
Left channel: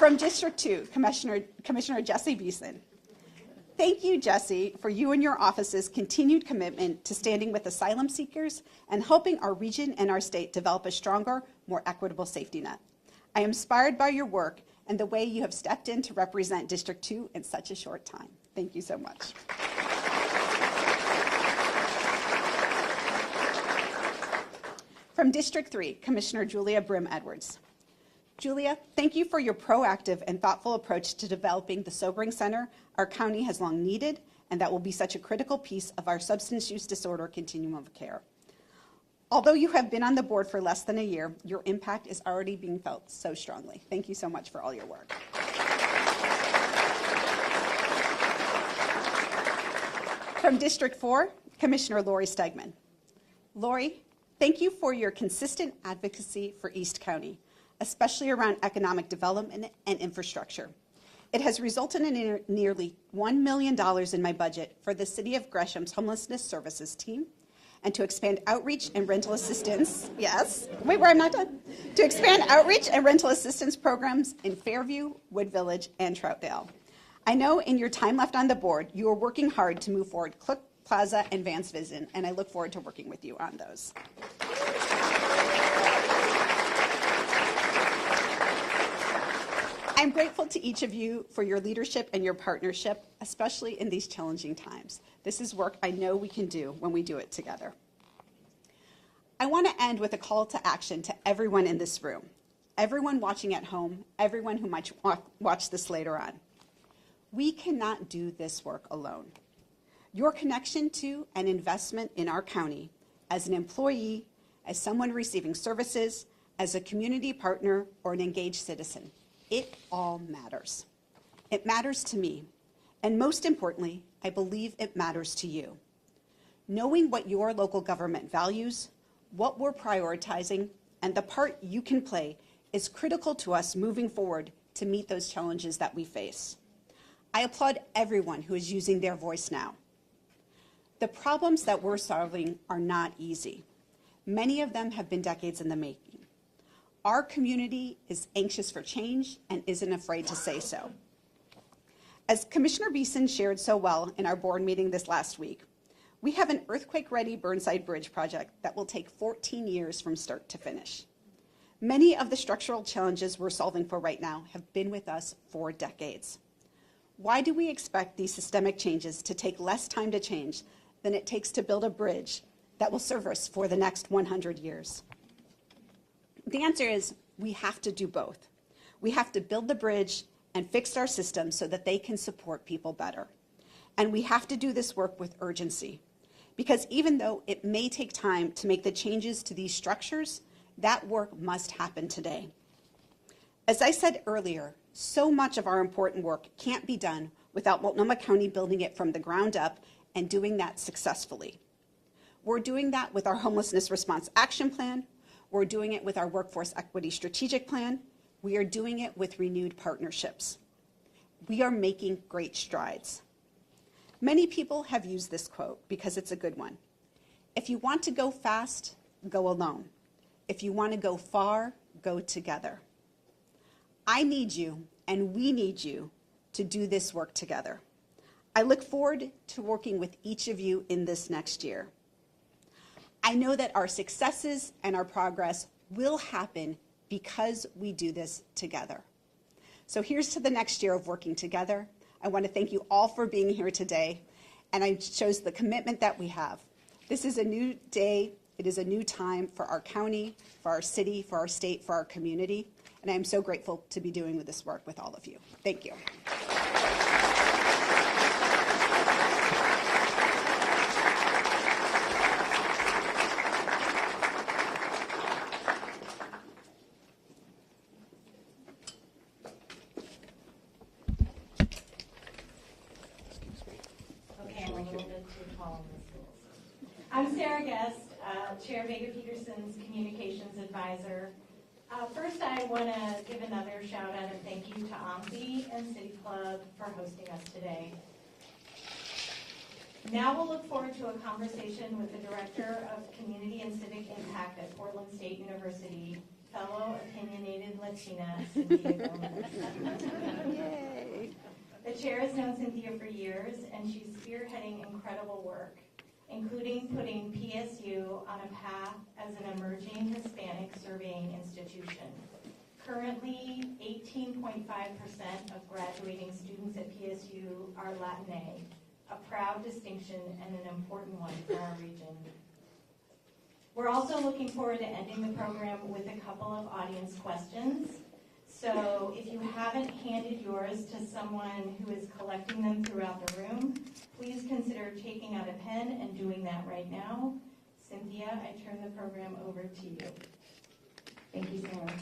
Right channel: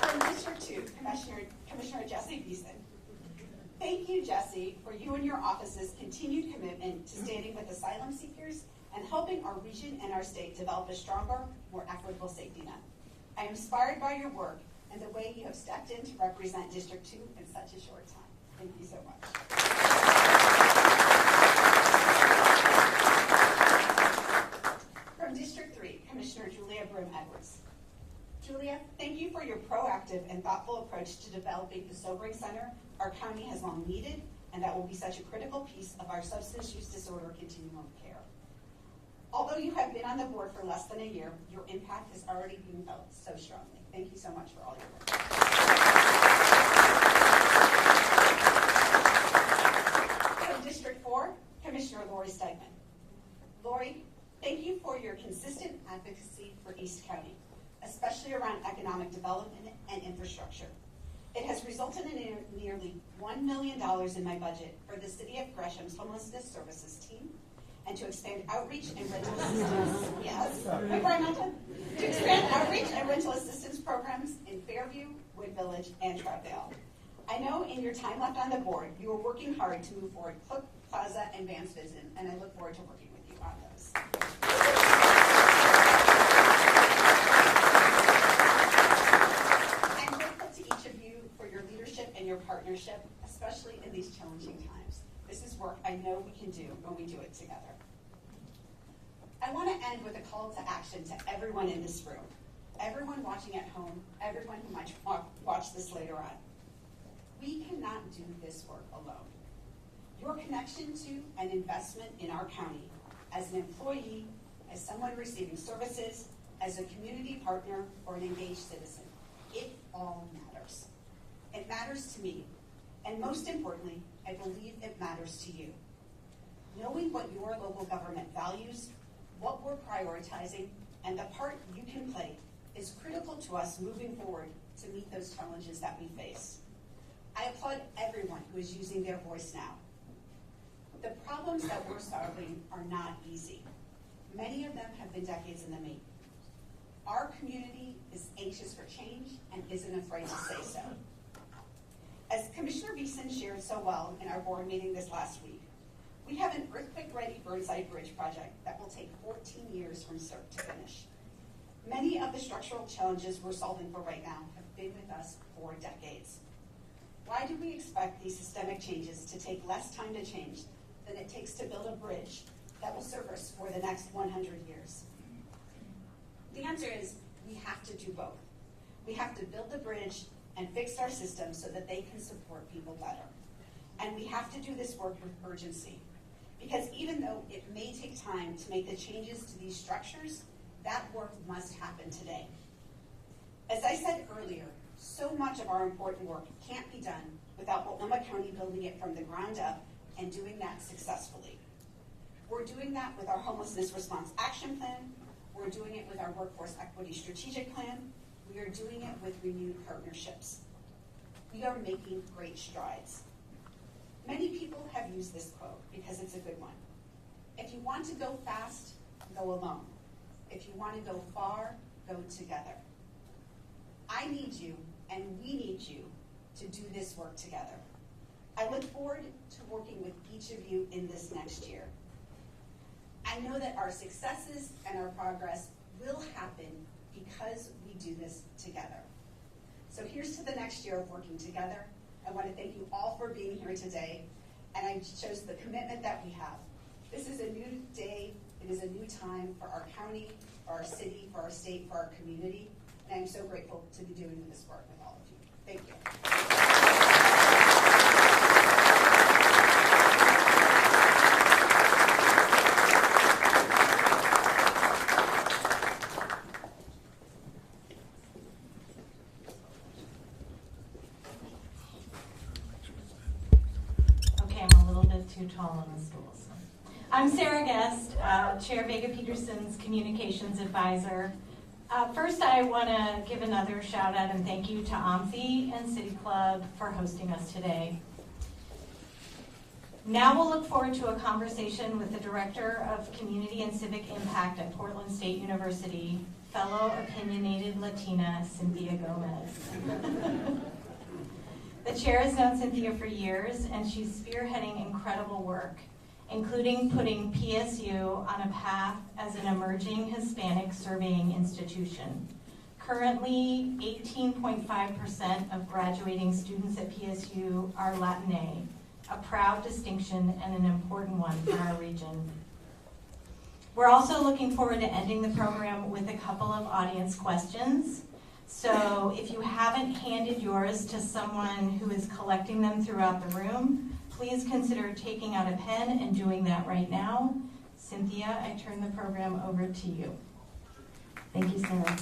From District 2, Commissioner Jesse Beeson. Thank you, Jesse, for you and your office's continued commitment to standing with asylum seekers and helping our region and our state develop a stronger, more equitable safety net. I am inspired by your work and the way you have stepped in to represent District 2 in such a short time. Thank you so much. From District 3, Commissioner Julia Brim Edwards. Julia, thank you for your proactive and thoughtful approach to developing the sobering center our county has long needed and that will be such a critical piece of our substance use disorder continuum of care. Although you have been on the board for less than a year, your impact is already being felt so strongly. Thank you so much for all your work. From District 4, Commissioner Lori Stegman. Lori, thank you for your consistent advocacy for East County, especially around economic development and infrastructure. It has resulted in nearly $1 million in my budget for the City of Gresham's Homelessness Services team, and to expand outreach and rental assistance, yes, wait, I'm not done, to expand outreach and rental assistance programs in Fairview, Wood Village, and Troutdale. I know in your time left on the board, you are working hard to move forward Cook Plaza and Vance Vision, and I look forward to working with you on those. I'm grateful to each of you for your leadership and your partnership, especially in these challenging times. This is work I know we can do when we do it together. I want to end with a call to action to everyone in this room, everyone watching at home, everyone who might watch this later on. We cannot do this work alone. Your connection to and investment in our county as an employee, as someone receiving services, as a community partner, or an engaged citizen, it all matters. It matters to me, and most importantly, I believe it matters to you. Knowing what your local government values, what we're prioritizing, and the part you can play is critical to us moving forward to meet those challenges that we face. I applaud everyone who is using their voice now. The problems that we're solving are not easy. Many of them have been decades in the making. Our community is anxious for change and isn't afraid to say so. As Commissioner Beeson shared so well in our board meeting this last week, we have an earthquake-ready Burnside Bridge project that will take 14 years from start to finish. Many of the structural challenges we're solving for right now have been with us for decades. Why do we expect these systemic changes to take less time to change than it takes to build a bridge that will serve us for the next 100 years? The answer is we have to do both. We have to build the bridge and fix our systems so that they can support people better. And we have to do this work with urgency, because even though it may take time to make the changes to these structures, that work must happen today. As I said earlier, so much of our important work can't be done without Multnomah County building it from the ground up and doing that successfully. We're doing that with our Homelessness Response Action Plan. We're doing it with our Workforce Equity Strategic Plan. We are doing it with renewed partnerships. We are making great strides. Many people have used this quote because it's a good one. If you want to go fast, go alone. If you want to go far, go together. I need you, and we need you, to do this work together. I look forward to working with each of you in this next year. I know that our successes and our progress will happen because we do this together. So here's to the next year of working together. I want to thank you all for being here today, and it shows the commitment that we have. This is a new day. It is a new time for our county, for our city, for our state, for our community, and I am so grateful to be doing this work with all of you. Thank you. I'm Sarah Guest, Chair Vega Pederson's Communications Advisor. First, I want to give another shout out and thank you to OMSI and City Club for hosting us today. Now we'll look forward to a conversation with the Director of Community and Civic Impact at Portland State University, fellow opinionated Latina, Cynthia Gomez. The chair has known Cynthia for years, and she's spearheading incredible work, including putting PSU on a path as an emerging Hispanic surveying institution. Currently, 18.5% of graduating students at PSU are Latinx, a proud distinction and an important one for our region. We're also looking forward to ending the program with a couple of audience questions. So if you haven't handed yours to someone who is collecting them throughout the room, please consider taking out a pen and doing that right now. Cynthia, I turn the program over to you. Thank you, Sarah.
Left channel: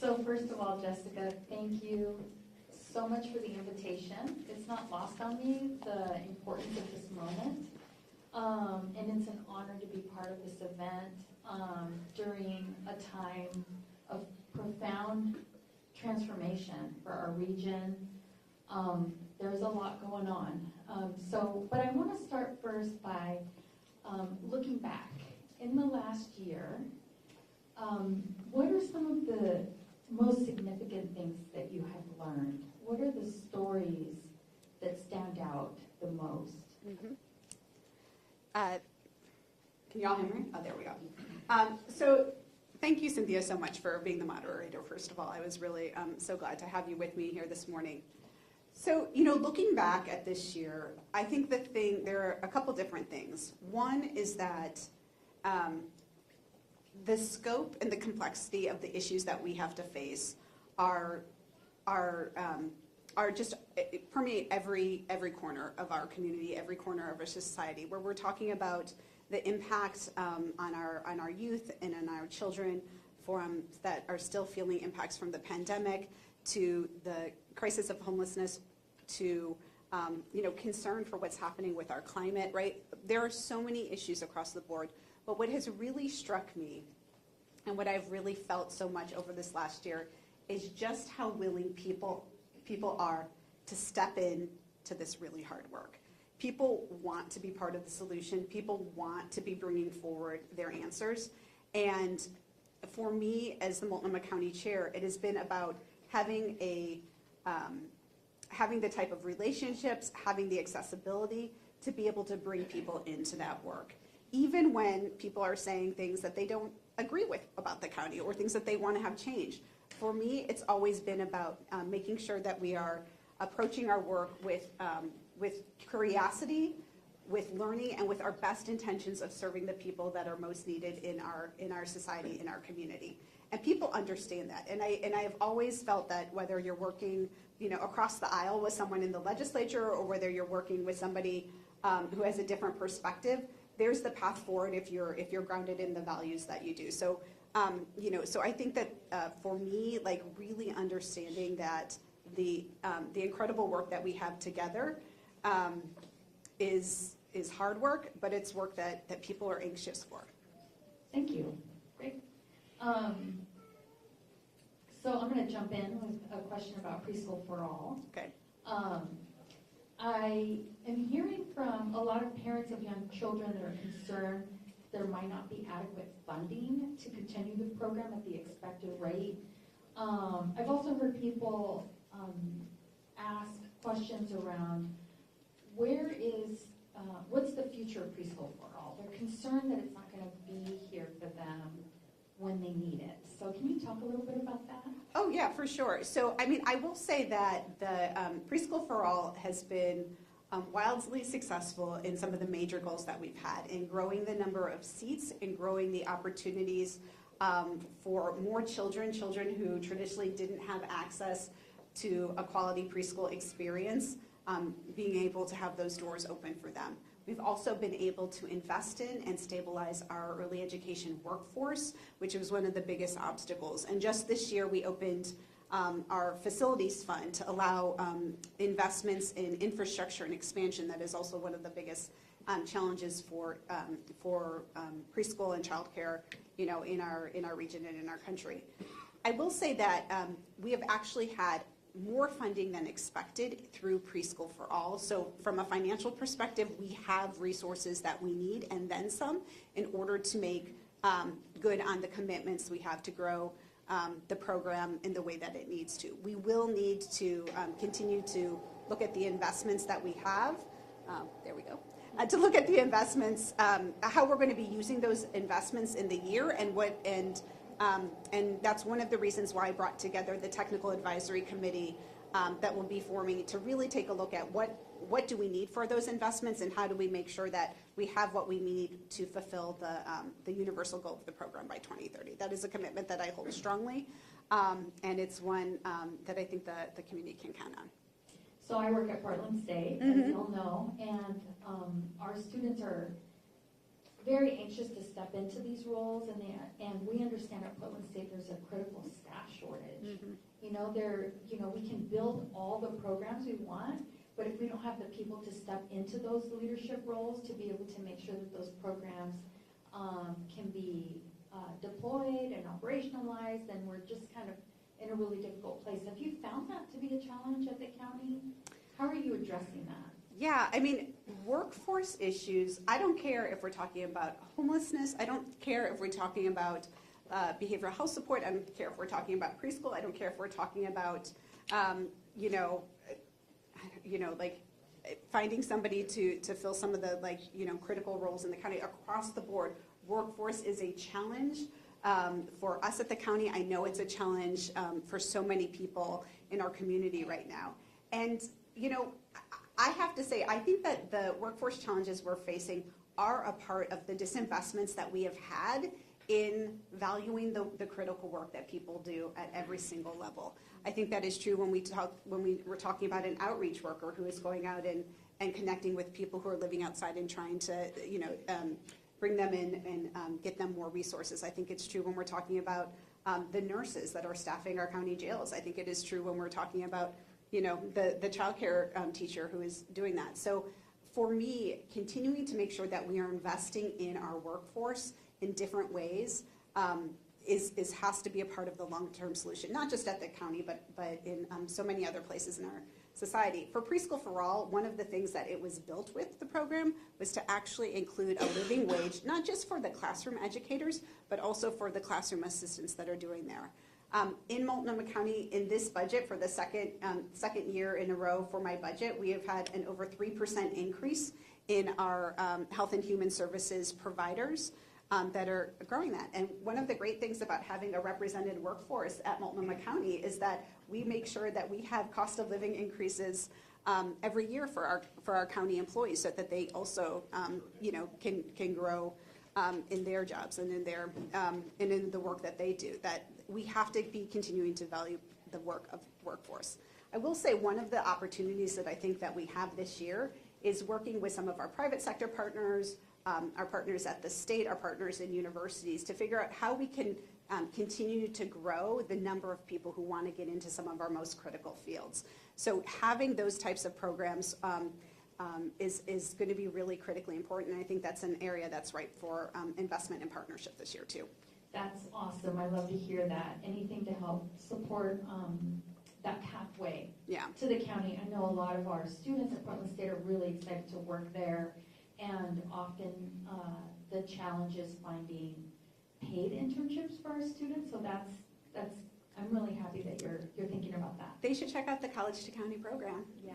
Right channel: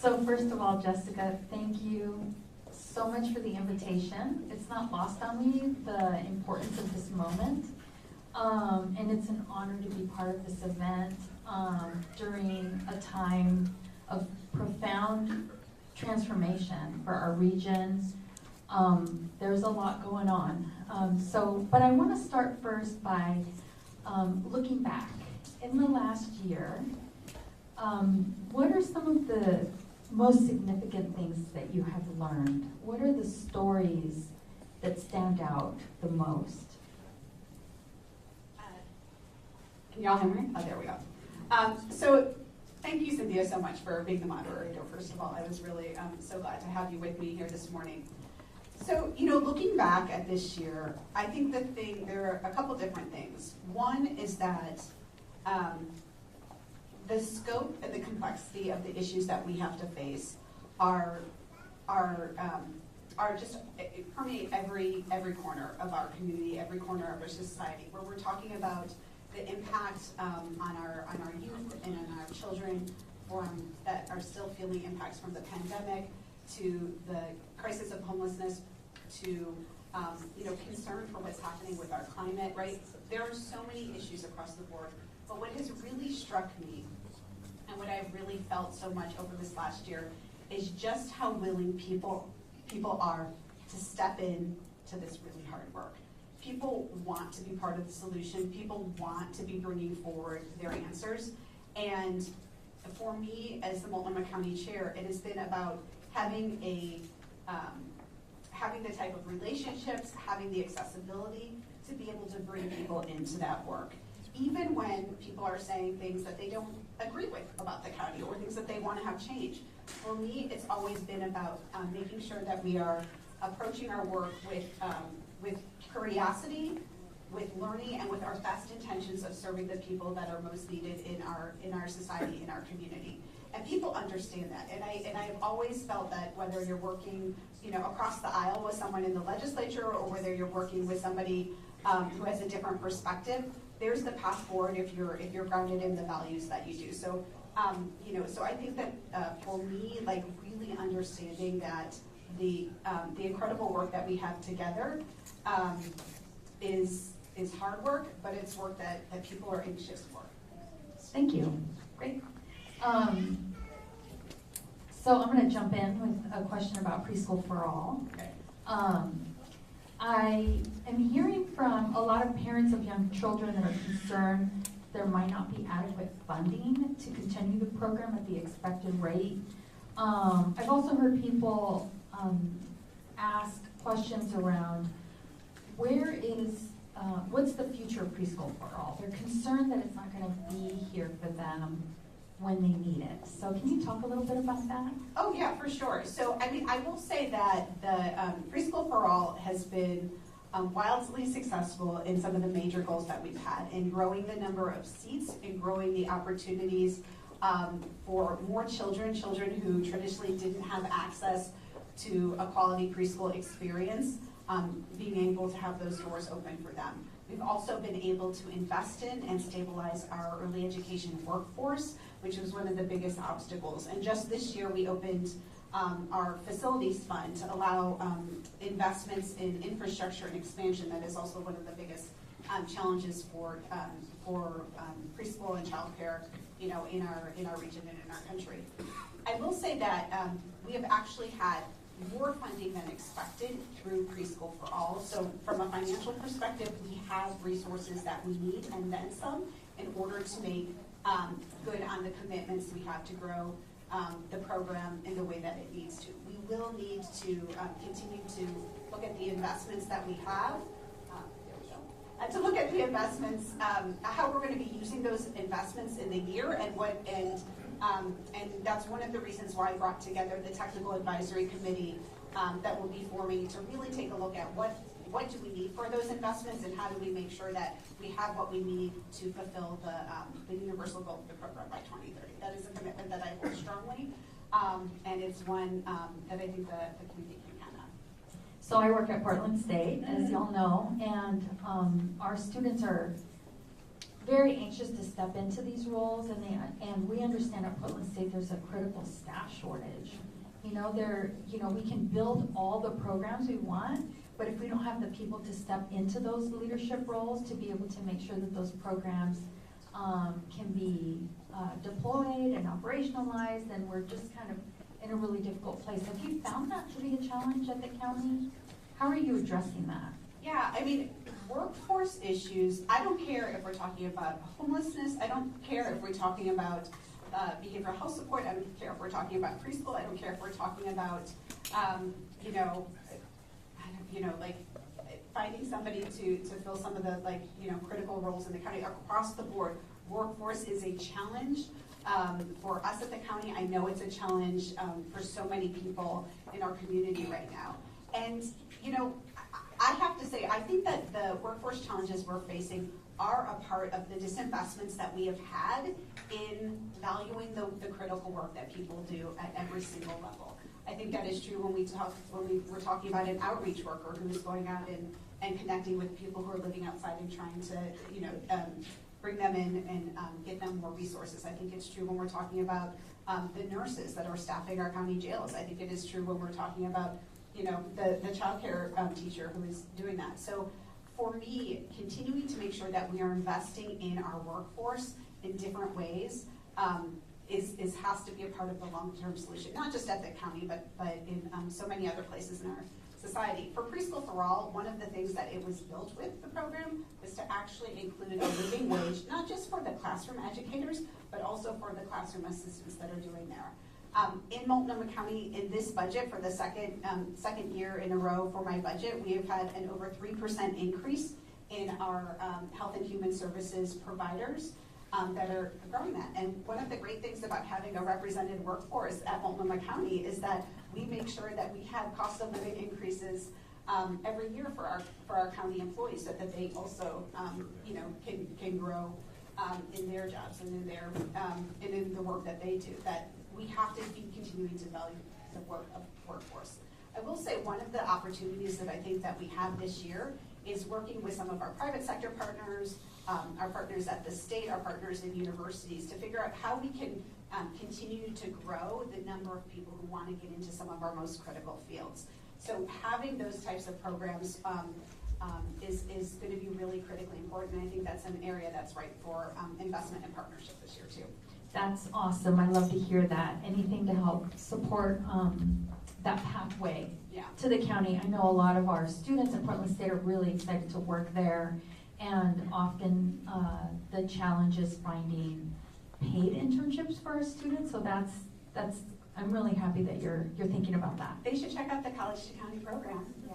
So first of all, Jessica, thank you so much for the invitation. It's not lost on me, the importance of this moment. And it's an honor to be part of this event during a time of profound transformation for our region. There's a lot going on. But I want to start first by looking back. In the last year, what are some of the most significant things that you have learned? What are the stories that stand out the most? Can you all hear me? Oh, there we go. So thank you, Cynthia, so much for being the moderator, first of all. I was really so glad to have you with me here this morning. So, looking back at this year, I think there are a couple different things. One is that the scope and the complexity of the issues that we have to face are just permeate every corner of our community, every corner of our society, where we're talking about the impact on our youth and on our children that are still feeling impacts from the pandemic, to the crisis of homelessness, to concern for what's happening with our climate, right? There are so many issues across the board, but what has really struck me and what I've really felt so much over this last year is just how willing people are to step in to this really hard work. people want to be part of the solution. People want to be bringing forward their answers. And for me, as the Multnomah County Chair, it has been about having having the type of relationships, having the accessibility to be able to bring people into that work. Even when people are saying things that they don't agree with about the county or things that they want to have changed. For me, it's always been about making sure that we are approaching our work with curiosity, with learning, and with our best intentions of serving the people that are most needed in our society, in our community. And people understand that. And I've always felt that whether you're working, across the aisle with someone in the legislature or whether you're working with somebody who has a different perspective, there's the path forward if you're grounded in the values that you do. So, so I think that for me, like really understanding that the incredible work that we have together is hard work, but it's work that people are anxious for. Thank you. Great. So I'm going to jump in with a question about Preschool for All. Okay. I am hearing from a lot of parents of young children that are concerned there might not be adequate funding to continue the program at the expected rate. I've also heard people ask questions around what's the future of Preschool for All? They're concerned that it's not going to be here for them when they need it. So can you talk a little bit about that? Oh yeah, for sure. So I will say that the Preschool for All has been wildly successful in some of the major goals that we've had in growing the number of seats and growing the opportunities for more children who traditionally didn't have access to a quality preschool experience, being able to have those doors open for them. We've also been able to invest in and stabilize our early education workforce, which was one of the biggest obstacles. And just this year, we opened our facilities fund to allow investments in infrastructure and expansion. That is also one of the biggest challenges for preschool and childcare, in our region and in our country. I will say that we have actually had more funding than expected through Preschool for All. So from a financial perspective, we have resources that we need and then some in order to make good on the commitments we have to grow the program in the way that it needs to. We will need to continue to look at the investments that we have. There we go. To look at the investments, how we're going to be using those investments in the year, and that's one of the reasons why I brought together the Technical Advisory Committee that will be forming to really take a look at what do we need for those investments and how do we make sure that we have what we need to fulfill the universal goal of the program by 2030. That is a commitment that I hold strongly, and it's one that I think the community can count on. So I work at Portland State, as y'all know, and our students are very anxious to step into these roles, and we understand at Portland State there's a critical staff shortage. We can build all the programs we want, but if we don't have the people to step into those leadership roles to be able to make sure that those programs can be deployed and operationalized, then we're just kind of in a really difficult place. Have you found that to be a challenge at the county? How are you addressing that? Yeah, workforce issues, I don't care if we're talking about homelessness, I don't care if we're talking about behavioral health support, I don't care if we're talking about preschool, I don't care if we're talking about, like finding somebody to fill some of the critical roles in the county. Across the board, workforce is a challenge for us at the county. I know it's a challenge for so many people in our community right now. And, I have to say, I think that the workforce challenges we're facing are a part of the disinvestments that we have had in valuing the critical work that people do at every single level. I think that is true when we were talking about an outreach worker who is going out and connecting with people who are living outside and trying to, bring them in and get them more resources. I think it's true when we're talking about the nurses that are staffing our county jails. I think it is true when we're talking about the child care teacher who is doing that. So for me, continuing to make sure that we are investing in our workforce in different ways has to be a part of the long-term solution, not just at the county, but in so many other places in our society. For Preschool for All, one of the things that it was built with, the program, was to actually include a living wage, not just for the classroom educators, but also for the classroom assistants that are doing there. In Multnomah County, in this budget, for the second year in a row for my budget, we have had an over 3% increase in our health and human services providers that are growing that. And one of the great things about having a represented workforce at Multnomah County is that we make sure that we have cost of living increases every year for our county employees, so that they also can grow in their jobs and in their and in the work that they do. That we have to be continuing to value the work of workforce. I will say one of the opportunities that I think that we have this year is working with some of our private sector partners, our partners at the state, our partners in universities, to figure out how we can continue to grow the number of people who want to get into some of our most critical fields. So having those types of programs is going to be really critically important, and I think that's an area that's ripe for investment and partnership this year too. That's awesome. I love to hear that. Anything to help support that pathway to the county. I know a lot of our students at Portland State are really excited to work there, and often the challenge is finding paid internships for our students. So that's I'm really happy that you're thinking about that. They should check out the College to County program. Yeah.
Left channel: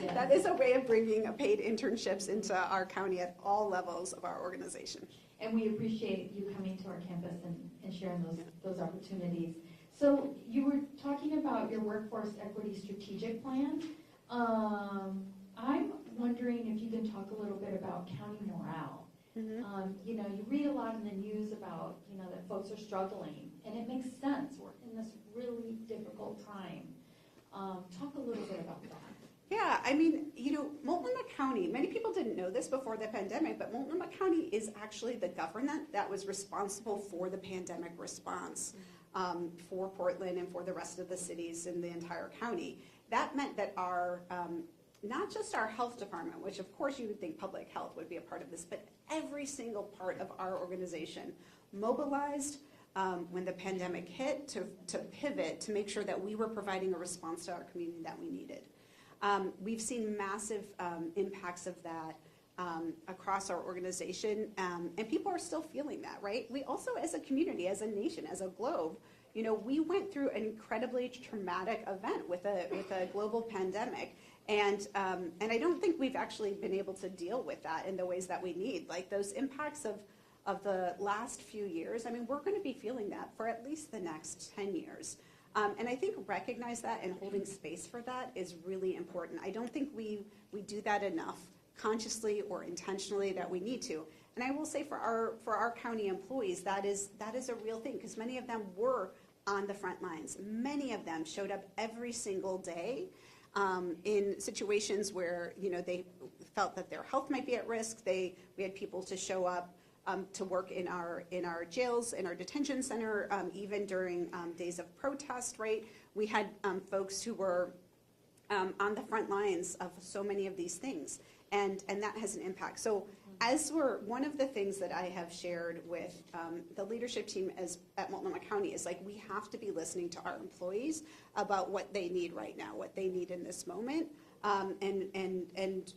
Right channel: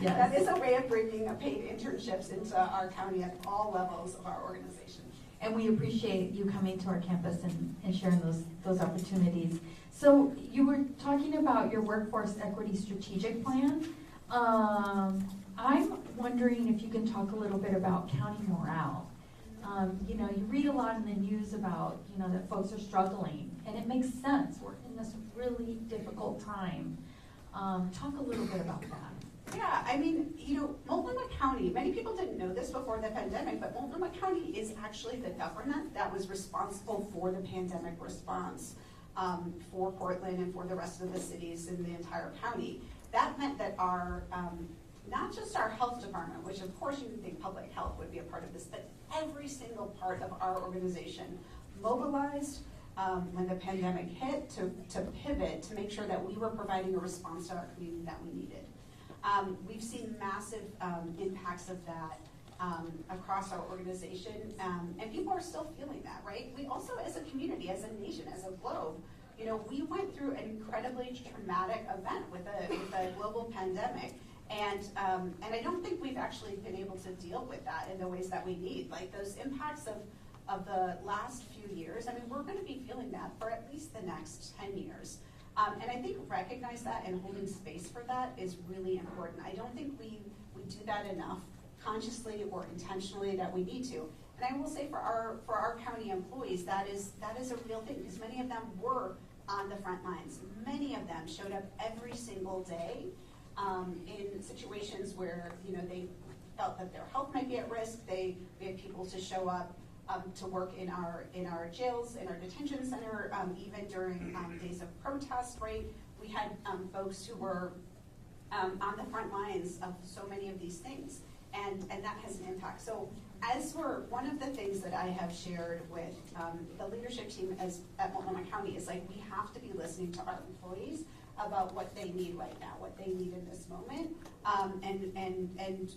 Yes. That is a way of bringing paid internships into our county at all levels of our organization. And we appreciate you coming to our campus and sharing those opportunities. So you were talking about your workforce equity strategic plan. I'm wondering if you can talk a little bit about county morale. Mm-hmm. You read a lot in the news about, that folks are struggling, and it makes sense. We're in this really difficult time. Talk a little bit about that. Yeah, I mean, Multnomah County, many people didn't know this before the pandemic, but Multnomah County is actually the government that was responsible for the pandemic response for Portland and for the rest of the cities in the entire county. That meant that our, not just our health department, which of course you would think public health would be a part of this, but every single part of our organization mobilized when the pandemic hit to pivot to make sure that we were providing a response to our community that we needed. We've seen massive impacts of that across our organization, and people are still feeling that, right? We also, as a community, as a nation, as a globe, we went through an incredibly traumatic event with a global pandemic, and I don't think we've actually been able to deal with that in the ways that we need. Like those impacts of the last few years, I mean, we're going to be feeling that for at least the next 10 years. And I think recognize that and holding space for that is really important. I don't think we do that enough consciously or intentionally that we need to. And I will say for our county employees, that is a real thing, because many of them were on the front lines. Many of them showed up every single day in situations where they felt that their health might be at risk. We had people to show up to work in our jails, in our detention center, even during days of protest, right? We had folks who were on the front lines of so many of these things, and that has an impact. So one of the things that I have shared with the leadership team at Multnomah County is we have to be listening to our employees about what they need right now, what they need in this moment. And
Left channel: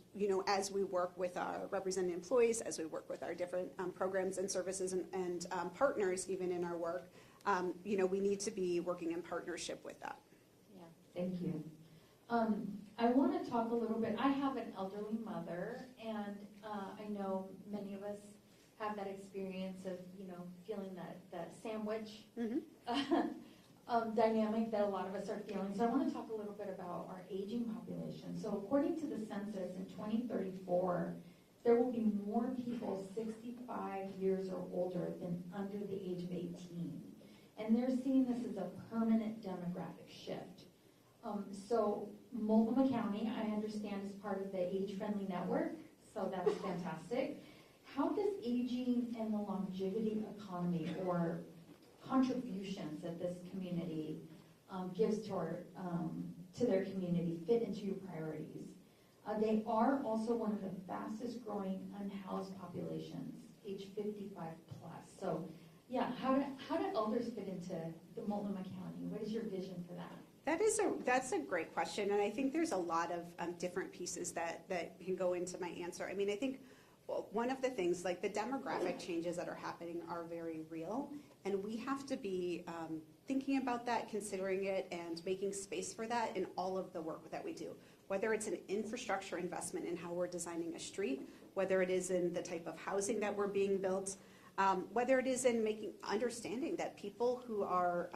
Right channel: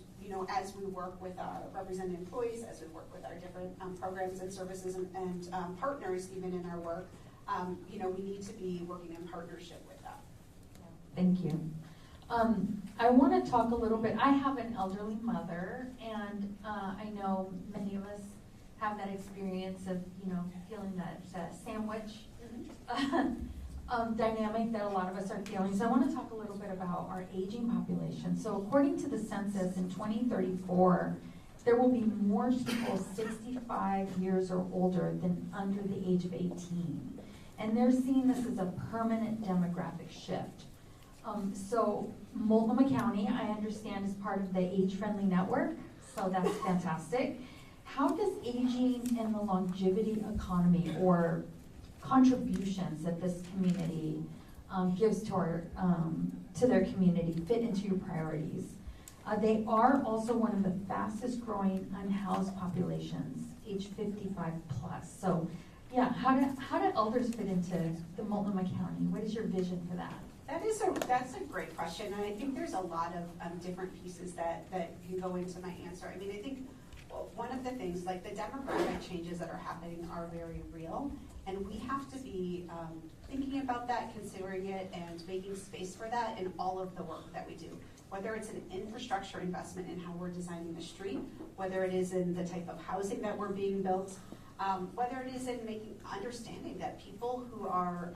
as we work with our represented employees, as we work with our different programs and services and partners, even in our work, we need to be working in partnership with that. Thank you. I want to talk a little bit. I have an elderly mother, and I know many of us have that experience of feeling that sandwich. Mm-hmm. Dynamic that a lot of us are feeling. So I want to talk a little bit about our aging population. So according to the census in 2034, there will be more people 65 years or older than under the age of 18. And they're seeing this as a permanent demographic shift. So Multnomah County, I understand, is part of the age-friendly network, so that's fantastic. How does aging and the longevity economy, or contributions that this community gives to their community, fit into your priorities? They are also one of the fastest growing unhoused populations, age 55 plus. So Yeah, how do elders fit into the Multnomah County? What is your vision for that? That's a great question, and I think there's a lot of different pieces that can go into my answer. I mean, I think one of the things, like the demographic changes that are happening are very real, and we have to be thinking about that, considering it, and making space for that in all of the work that we do. Whether it's an infrastructure investment in how we're designing a street, whether it is in the type of housing that we're being built, whether it is in understanding that people who are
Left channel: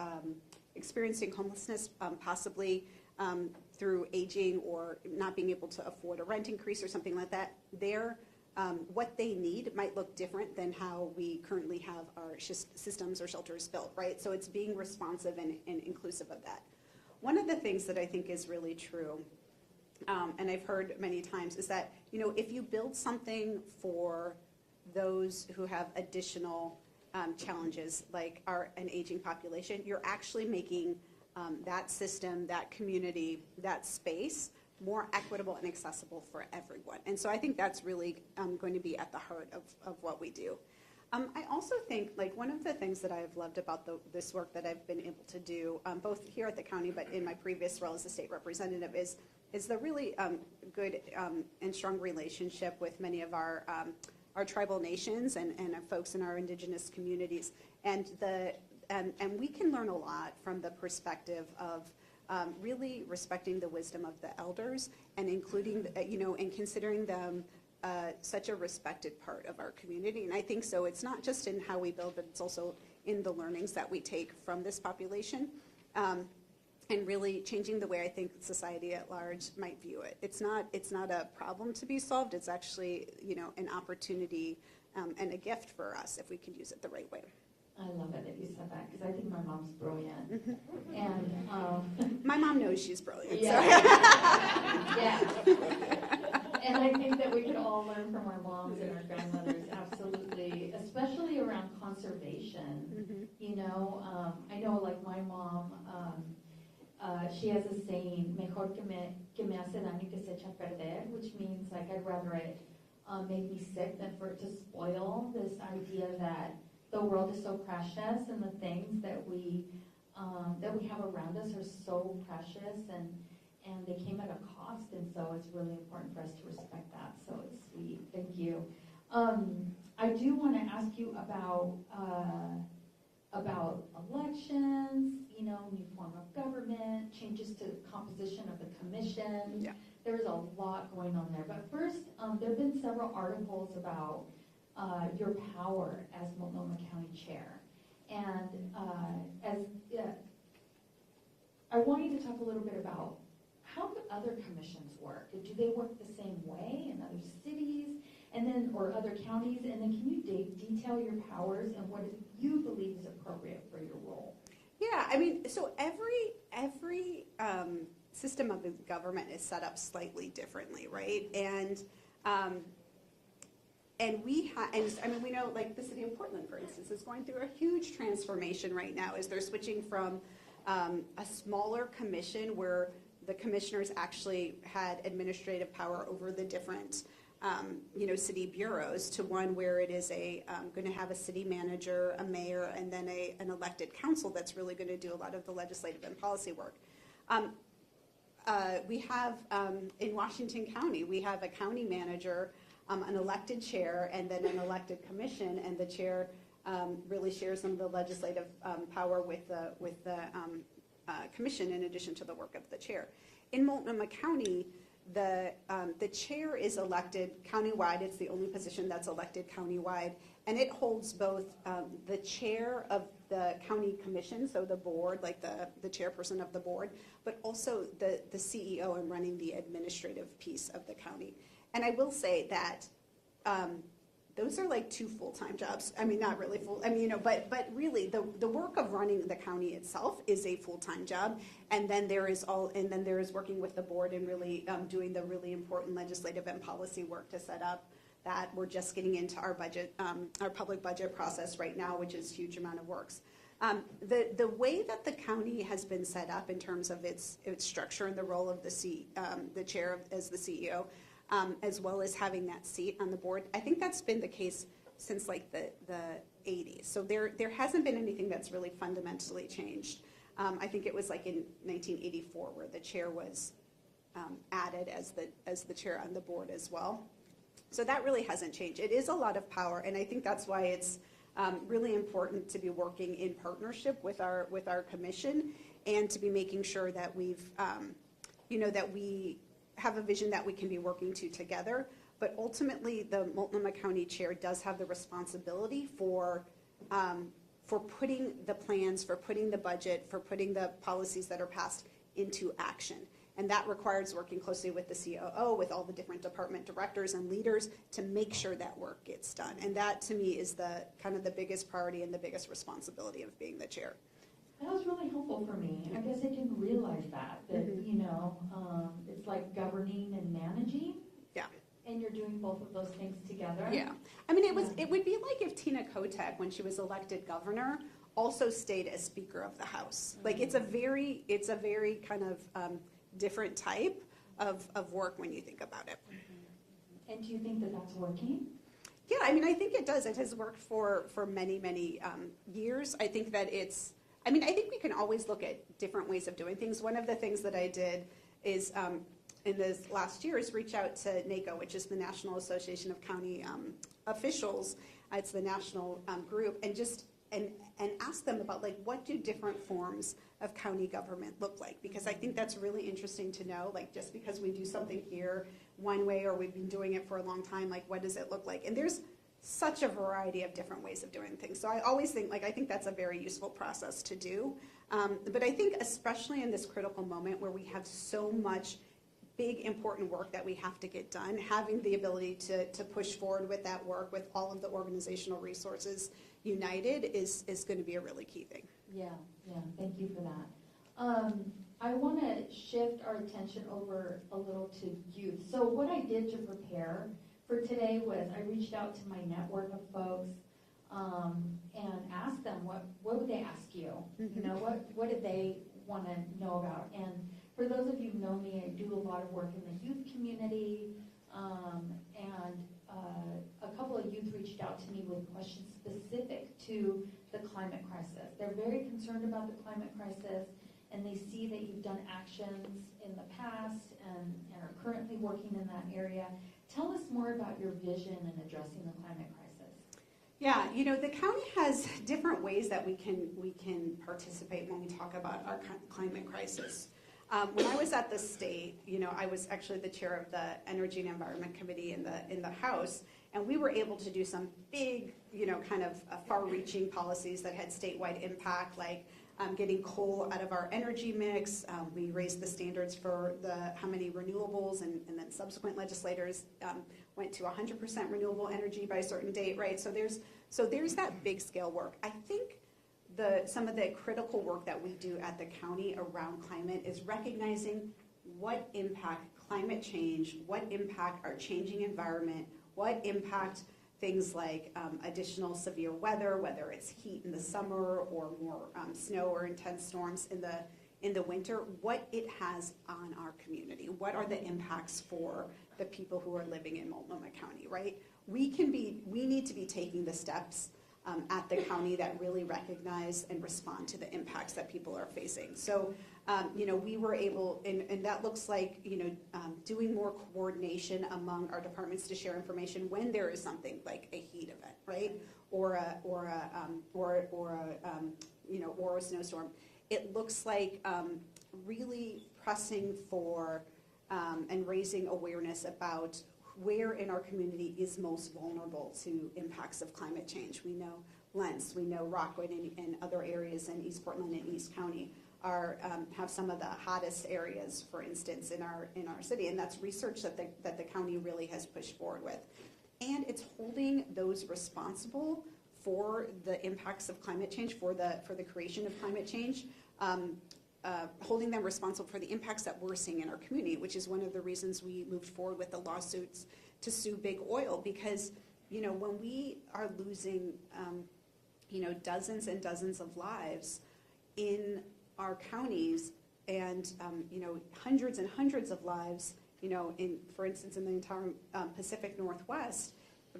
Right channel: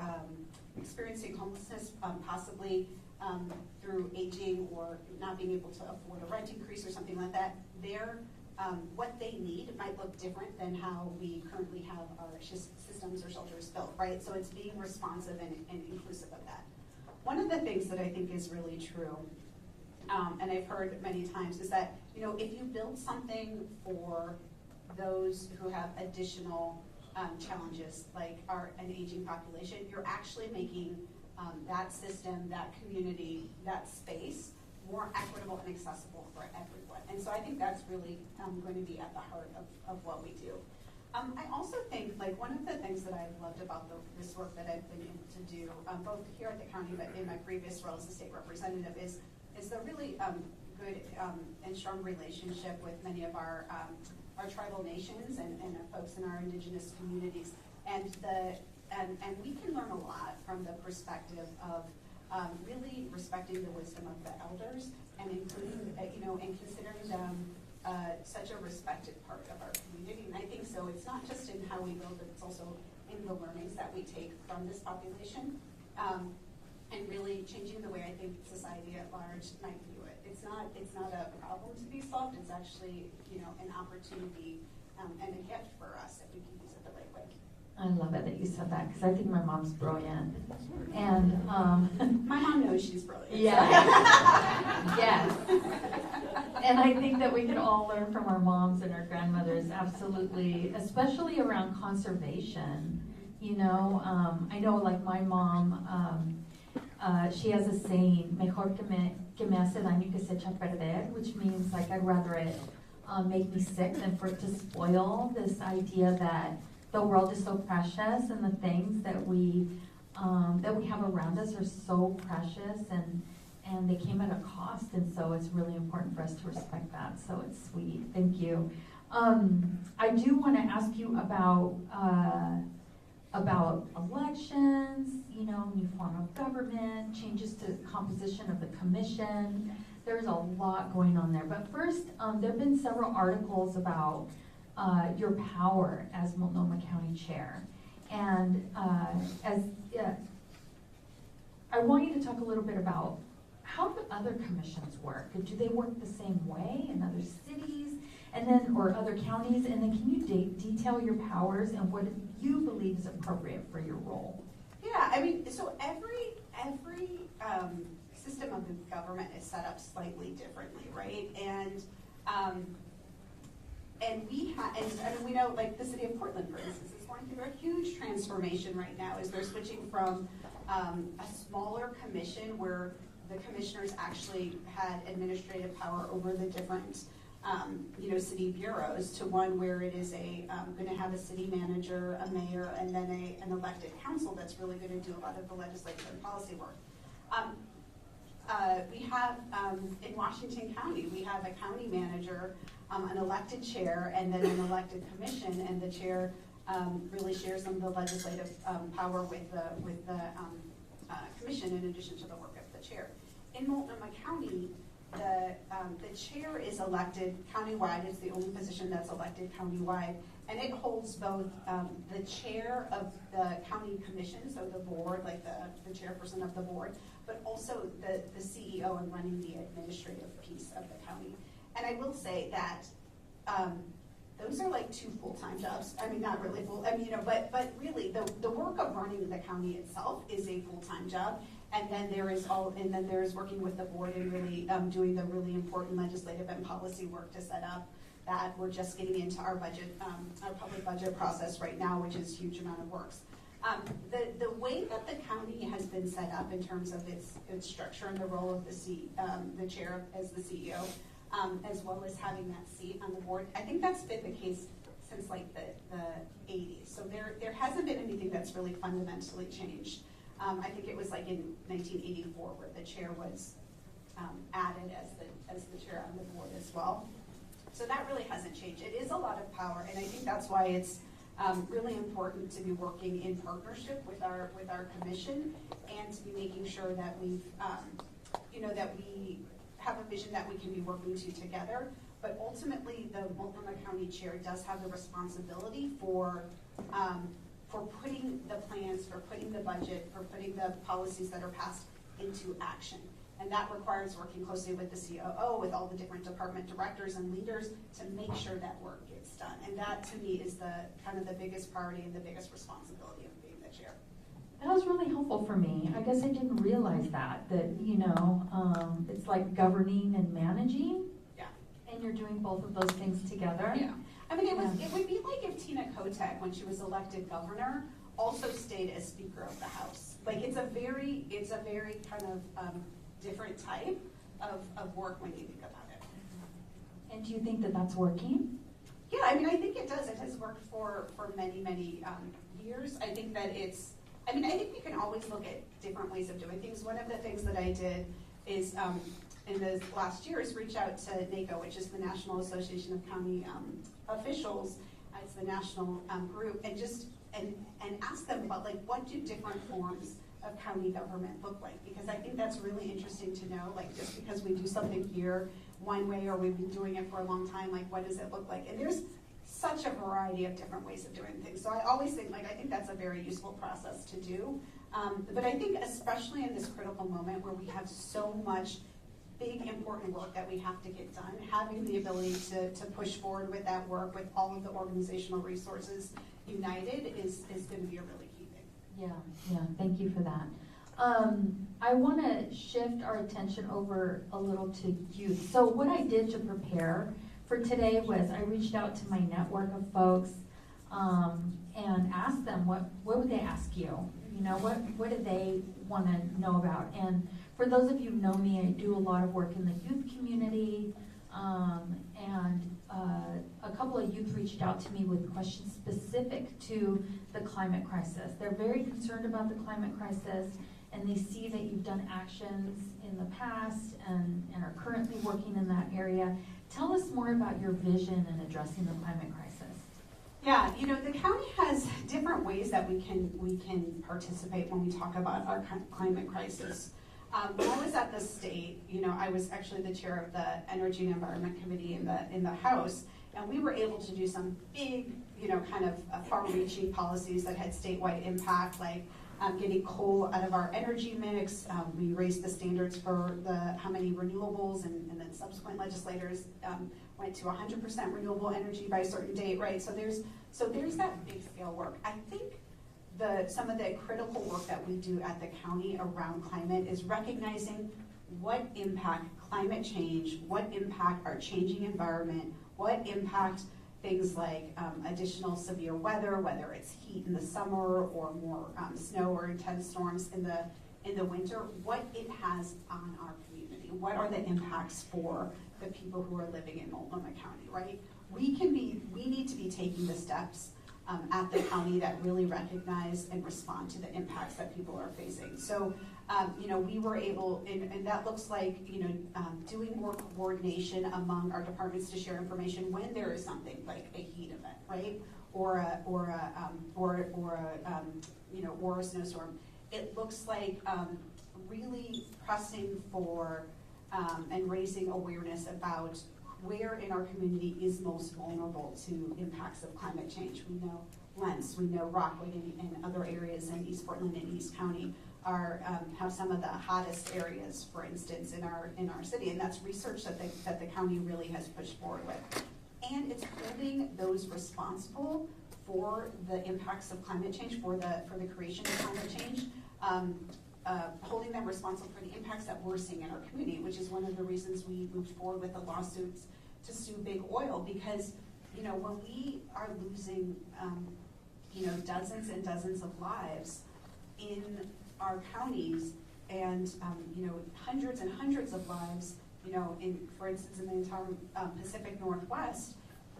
experiencing homelessness, possibly through aging or not being able to afford a rent increase or something like that, what they need might look different than how we currently have our systems or shelters built, right? So it's being responsive and inclusive of that. One of the things that I think is really true, and I've heard many times, is that, you know, if you build something for those who have additional challenges, like an aging population, you're actually making that system, that community, that space more equitable and accessible for everyone. And so I think that's really going to be at the heart of what we do. I also think, like, one of the things that I've loved about this work that I've been able to do, both here at the county but in my previous role as a state representative, is the really good and strong relationship with many of our tribal nations and folks in our indigenous communities. And we can learn a lot from the perspective of really respecting the wisdom of the elders and including, and considering them such a respected part of our community. And I think so it's not just in how we build, but it's also in the learnings that we take from this population, and really changing the way I think society at large might view it. It's not a problem to be solved. It's actually, an opportunity and a gift for us if we can use it the right way. I love it that you said that, because I think my mom's brilliant. And my mom knows she's brilliant. Yeah. Yeah. And I think that we can all learn from our moms and our grandmothers, absolutely, especially around conservation. I know, like, my mom, she has a saying, mejor que me hace daño que se echa a perder, which means, like, I'd rather it make me sick than for it to spoil. This idea that the world is so precious and the things that we have around us are so precious, and they came at a cost, and so it's really important for us to respect that. So it's sweet. Thank you. I do want to ask you about elections, new form of government, changes to the composition of the commission. Yeah. There's a lot going on there. But first, there have been several articles about your power as Multnomah County Chair. And I want you to talk a little bit about how do other commissions work? Do they work the same way in other cities or other counties? And then can you detail your powers and what you believe is appropriate for your role? Yeah, I mean, so every system of government is set up slightly differently, right? And we know, like, the city of Portland, for instance, is going through a huge transformation right now as they're switching from a smaller commission where the commissioners actually had administrative power over the different city bureaus to one where it is going to have a city manager, a mayor, and then an elected council that's really going to do a lot of the legislative and policy work. We have, in Washington County, we have a county manager, an elected chair, and then an elected commission, and the chair really shares some of the legislative power with the commission in addition to the work of the chair. In Multnomah County, the chair is elected countywide. It's the only position that's elected countywide, and it holds both the chair of the county commission, so the board, like the chairperson of the board, but also the CEO and running the administrative piece of the county. And I will say that those are like two full-time jobs. I mean, not really full. I mean, but really, the work of running the county itself is a full-time job. And then there is working with the board and really doing the really important legislative and policy work to set up that. We're just getting into our budget, our public budget process right now, which is a huge amount of work. The way that the county has been set up in terms of its structure and the role of the chair as the CEO, as well as having that seat on the board, I think that's been the case since like the 80s. So there hasn't been anything that's really fundamentally changed. I think it was like in 1984 where the chair was added as the chair on the board as well. So that really hasn't changed. It is a lot of power, and I think that's why it's really important to be working in partnership with our commission, and to be making sure that we've that we have a vision that we can be working to together. But ultimately, the Multnomah County chair does have the responsibility for putting the plans, for putting the budget, for putting the policies that are passed into action. And that requires working closely with the COO, with all the different department directors and leaders to make sure that work gets done. And that, to me, is the kind of the biggest priority and the biggest responsibility of being the chair. That was really helpful for me. I guess I didn't realize that it's like governing and managing. Yeah. And you're doing both of those things together. Yeah. I mean, it would be like if Tina Kotek, when she was elected governor, also stayed as Speaker of the House. Like, it's a very kind of different type of work when you think about it. And do you think that that's working? Yeah, I mean, I think it does. It has worked for many, many years. I think that I think we can always look at different ways of doing things. One of the things that I did is, in the last year, is reach out to NACO, which is the National Association of County Officials. It's the national group, and ask them about, like, what do different forms of county government look like? Because I think that's really interesting to know, like, just because we do something here one way, or we've been doing it for a long time, like, what does it look like? And there's such a variety of different ways of doing things. So I always think, I think that's a very useful process to do. But I think especially in this critical moment where we have so much big, important work that we have to get done, having the ability to push forward with that work with all of the organizational resources united is going to be a really key thing. Yeah, thank you for that. I want to shift our attention over a little to youth. So what I did to prepare for today was I reached out to my network of folks and asked them what would they ask you? You know, what do they want to know about? And for those of you who know me, I do a lot of work in the youth community, and a couple of youth reached out to me with questions specific to the climate crisis. They're very concerned about the climate crisis, and they see that you've done actions in the past and are currently working in that area. Tell us more about your vision in addressing the climate crisis. Yeah, the county has different ways that we can participate when we talk about our climate crisis. When I was at the state, I was actually the chair of the Energy and Environment Committee in the House, and we were able to do some big, kind of far-reaching policies that had statewide impact, like getting coal out of our energy mix. We raised the standards for how many renewables, and then subsequent legislators went to 100% renewable energy by a certain date, right? So there's that big scale work. I think some of the critical work that we do at the county around climate is recognizing what impact climate change, what impact our changing environment, what impact things like additional severe weather, whether it's heat in the summer or more snow or intense storms in the winter, what it has on our community. What are the impacts for the people who are living in Multnomah County, right? We need to be taking the steps at the county that really recognize and respond to the impacts that people are facing. So, we were able, and that looks like, doing more coordination among our departments to share information when there is something like a heat event, right? Or a snowstorm. It looks like really pressing for and raising awareness about where in our community is most vulnerable to impacts of climate change. We know Lentz, we know Rockwood, and other areas in East Portland and East County have some of the hottest areas, for instance, in our city, and that's research that the county really has pushed forward with. And it's holding those responsible for the impacts of climate change, for the creation of climate change, holding them responsible for the impacts that we're seeing in our community, which is one of the reasons we moved forward with the lawsuits to sue Big Oil, because when we are losing dozens and dozens of lives in our counties, and hundreds and hundreds of lives, for instance, in the entire Pacific Northwest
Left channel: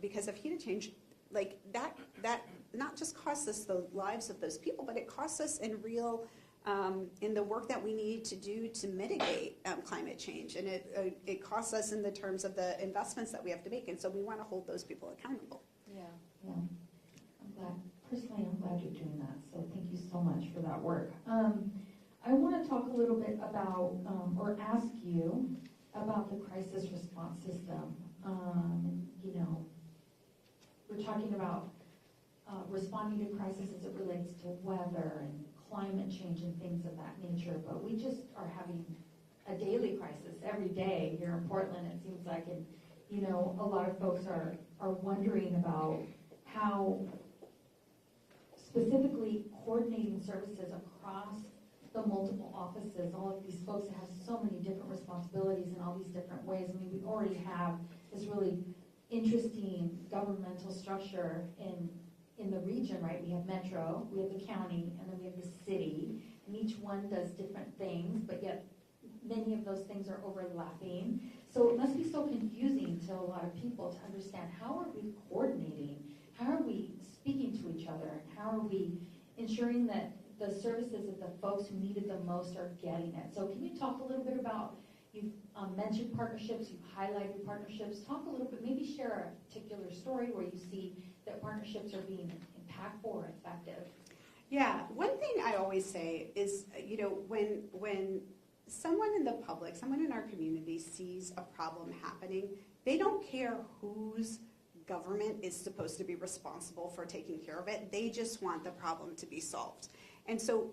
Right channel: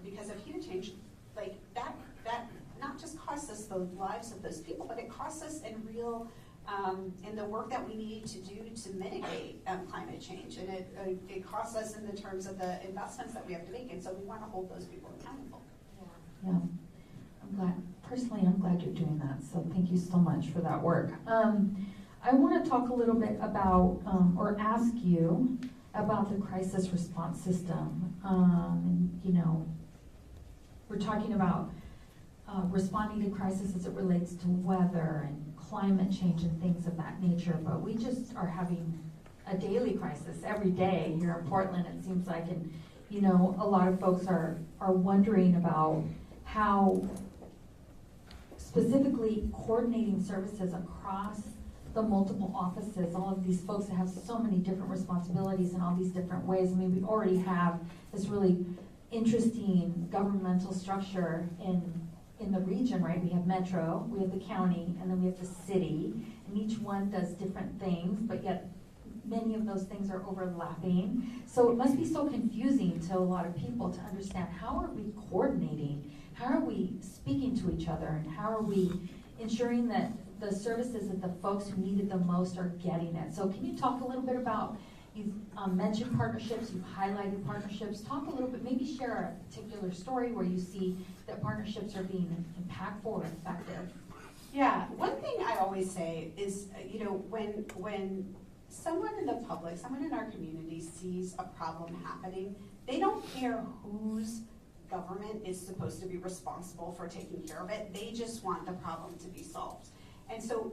because of heat change, like that not just costs us the lives of those people, but it costs us in real, in the work that we need to do to mitigate climate change. And it costs us in the terms of the investments that we have to make. And so we want to hold those people accountable. Yeah, I'm glad you're doing that, so thank you so much for that work. I want to talk a little bit about, or ask you about the crisis response system. You know, we're talking about responding to crisis as it relates to weather and climate change and things of that nature, but we just are having a daily crisis every day here in Portland, it seems like, and you know, a lot of folks are wondering about how specifically coordinating services across the multiple offices, all of these folks that have so many different responsibilities in all these different ways. I mean, we already have this really interesting governmental structure in the region, right? We have Metro, we have the county, and then we have the city, and each one does different things, but yet many of those things are overlapping. So it must be so confusing to a lot of people to understand, how are we coordinating? How are we speaking to each other? And how are we ensuring that the services that the folks who need it the most are getting it? So can you talk a little bit about, you've mentioned partnerships, you've highlighted partnerships. Talk a little bit, maybe share a particular story where you see that partnerships are being impactful or effective. Yeah, one thing I always say is, you know, when someone in the public, someone in our community sees a problem happening, they don't care whose government is supposed to be responsible for taking care of it. They just want the problem to be solved. And so,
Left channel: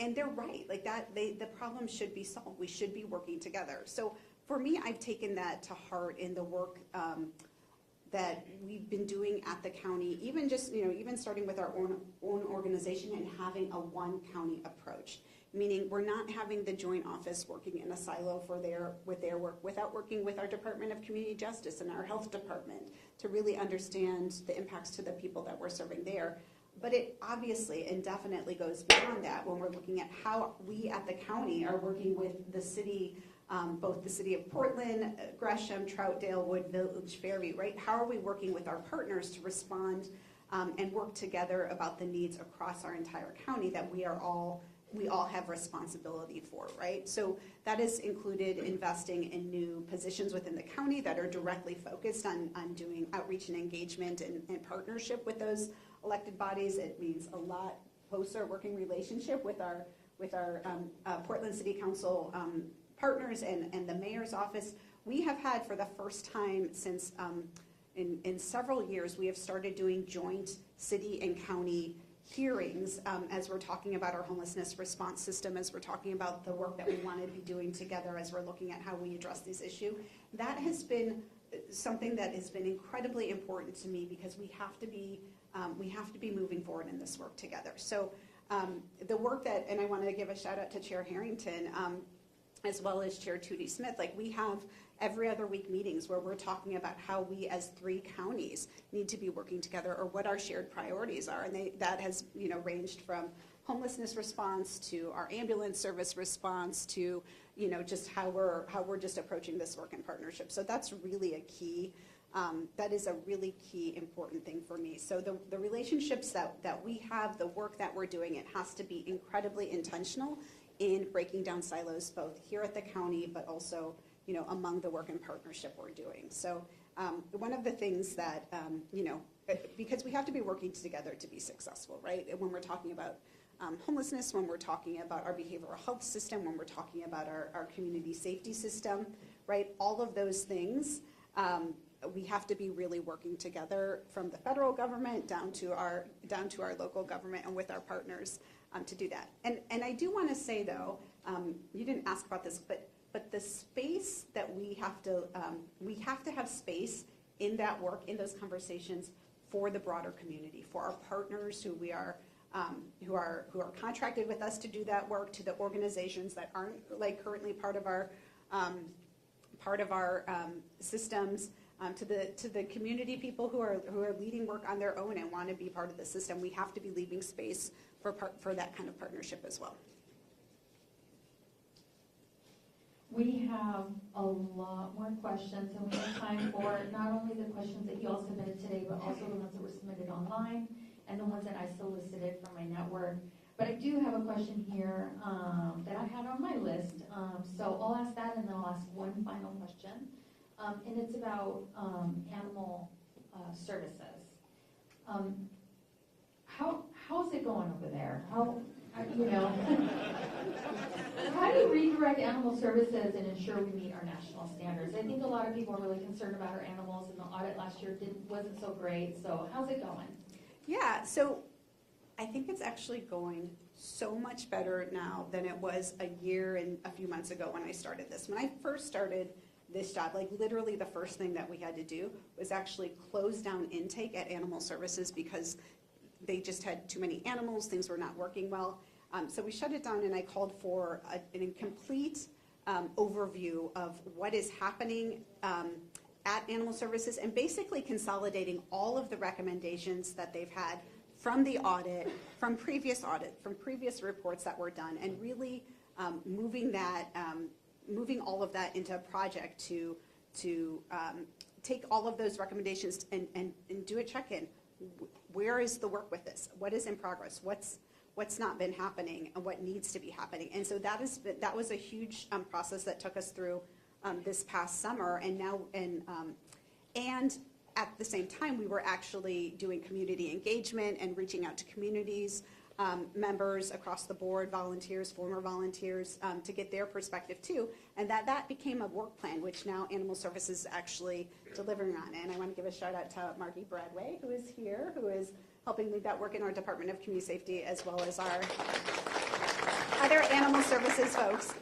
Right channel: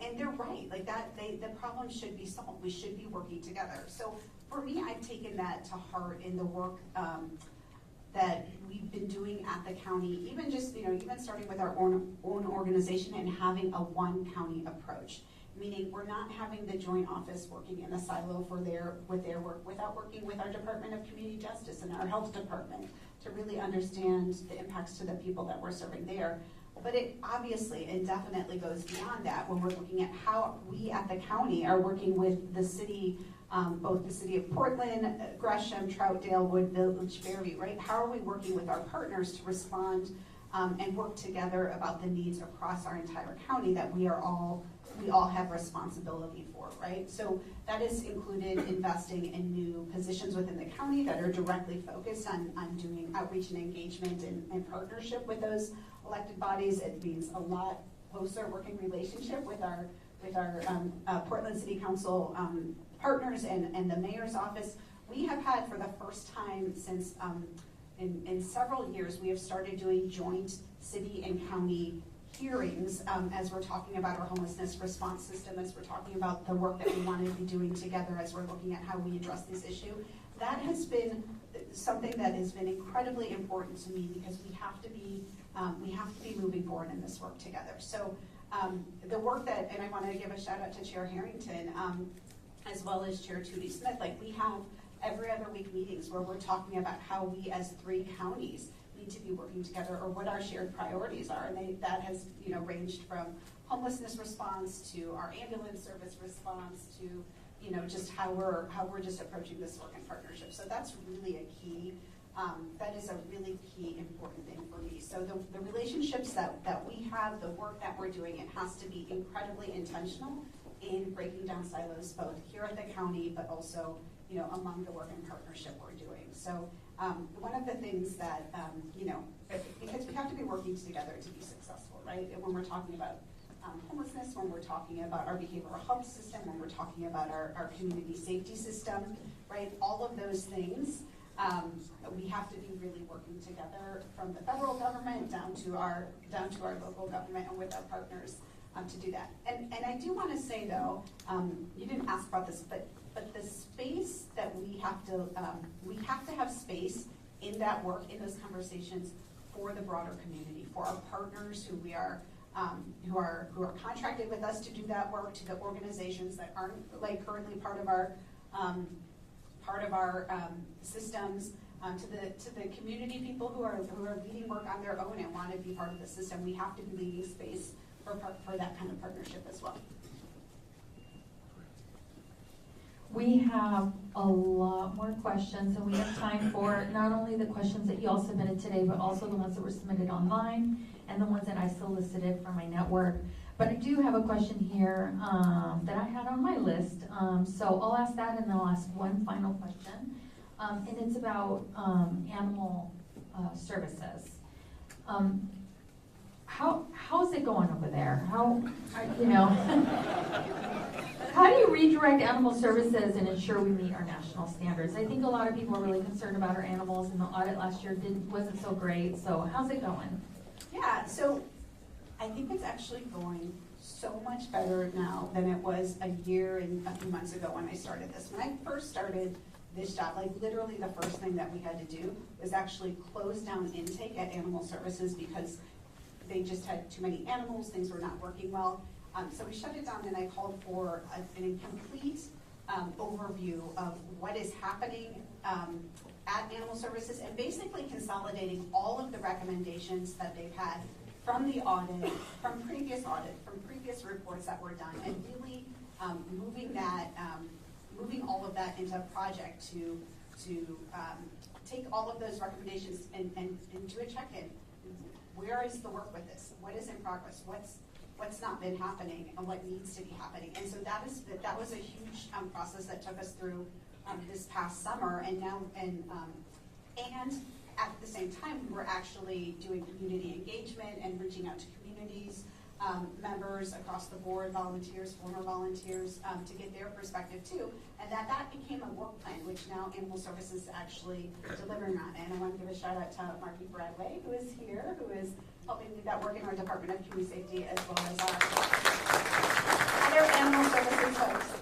and they're right, like that, the problem should be solved. We should be working together. So for me, I've taken that to heart in the work that we've been doing at the county, even just, you know, even starting with our own organization and having a one county approach. Meaning we're not having the joint office working in a silo with their work, without working with our Department of Community Justice and our health department to really understand the impacts to the people that we're serving there. But it obviously and definitely goes beyond that when we're looking at how we at the county are working with the city, both the city of Portland, Gresham, Troutdale, Woodville, Berry, right? How are we working with our partners to respond and work together about the needs across our entire county that we all have responsibility for, right? So that is included investing in new positions within the county that are directly focused on doing outreach and engagement and partnership with those elected bodies. It means a lot closer working relationship with our Portland City Council partners and the mayor's office. We have had, for the first time since in several years, we have started doing joint city and county hearings as we're talking about our homelessness response system, as we're talking about the work that we want to be doing together, as we're looking at how we address this issue. That has been something that has been incredibly important to me, because we have to be moving forward in this work together. So the work that, and I want to give a shout out to Chair Harrington as well as Chair Tootie Smith. Like, we have every other week meetings where we're talking about how we as 3 counties need to be working together, or what our shared priorities are. And that has, you know, ranged from homelessness response to our ambulance service response to, you know, just how we're just approaching this work in partnership. So that's really a key, that is a really key important thing for me. So the relationships that we have, the work that we're doing, it has to be incredibly intentional in breaking down silos, both here at the county, but also, you know, among the work and partnership we're doing. So one of the things that, you know, because we have to be working together to be successful, right? And when we're talking about homelessness, when we're talking about our behavioral health system, when we're talking about our community safety system, right? All of those things, we have to be really working together, from the federal government down to our local government and with our partners to do that. And I do want to say, though, you didn't ask about this, but the space that we have to have space in that work, in those conversations, for the broader community, for our partners who are contracted with us to do that work, to the organizations that aren't like currently part of our systems, to the community people who are leading work on their own and want to be part of the system. We have to be leaving space for that kind of partnership as well. We have a lot more questions, and we have time for not only the questions that you all submitted today, but also the ones that were submitted online and the ones that I solicited from my network. But I do have a question here that I had on my list, so I'll ask that and then I'll ask one final question, and it's about animal services. How's it going over there? How do you redirect animal services and ensure we meet our national standards? I think a lot of people are really concerned about our animals, and the audit last year wasn't so great. So how's it going? Yeah, so I think it's actually going so much better now than it was a year and a few months ago when I started this. When I first started this job, like literally the first thing that we had to do was actually close down intake at Animal Services because they just had too many animals, things were not working well. So we shut it down and I called for a complete overview of what is happening at Animal Services and basically consolidating all of the recommendations that they've had from the audit, from previous reports that were done, and really moving all of that into a project to take all of those recommendations and do a check-in. Where is the work with this? What is in progress? What's not been happening and what needs to be happening? And so that was a huge process that took us through this past summer, and at the same time we were actually doing community engagement and reaching out to communities, members across the board, volunteers, former volunteers, to get their perspective too, and that became a work plan, which now Animal Services is actually delivering on. And I want to give a shout out to Margie Bradway, who is here, who is helping lead that work in our Department of Community Safety, as well as our other Animal Services folks.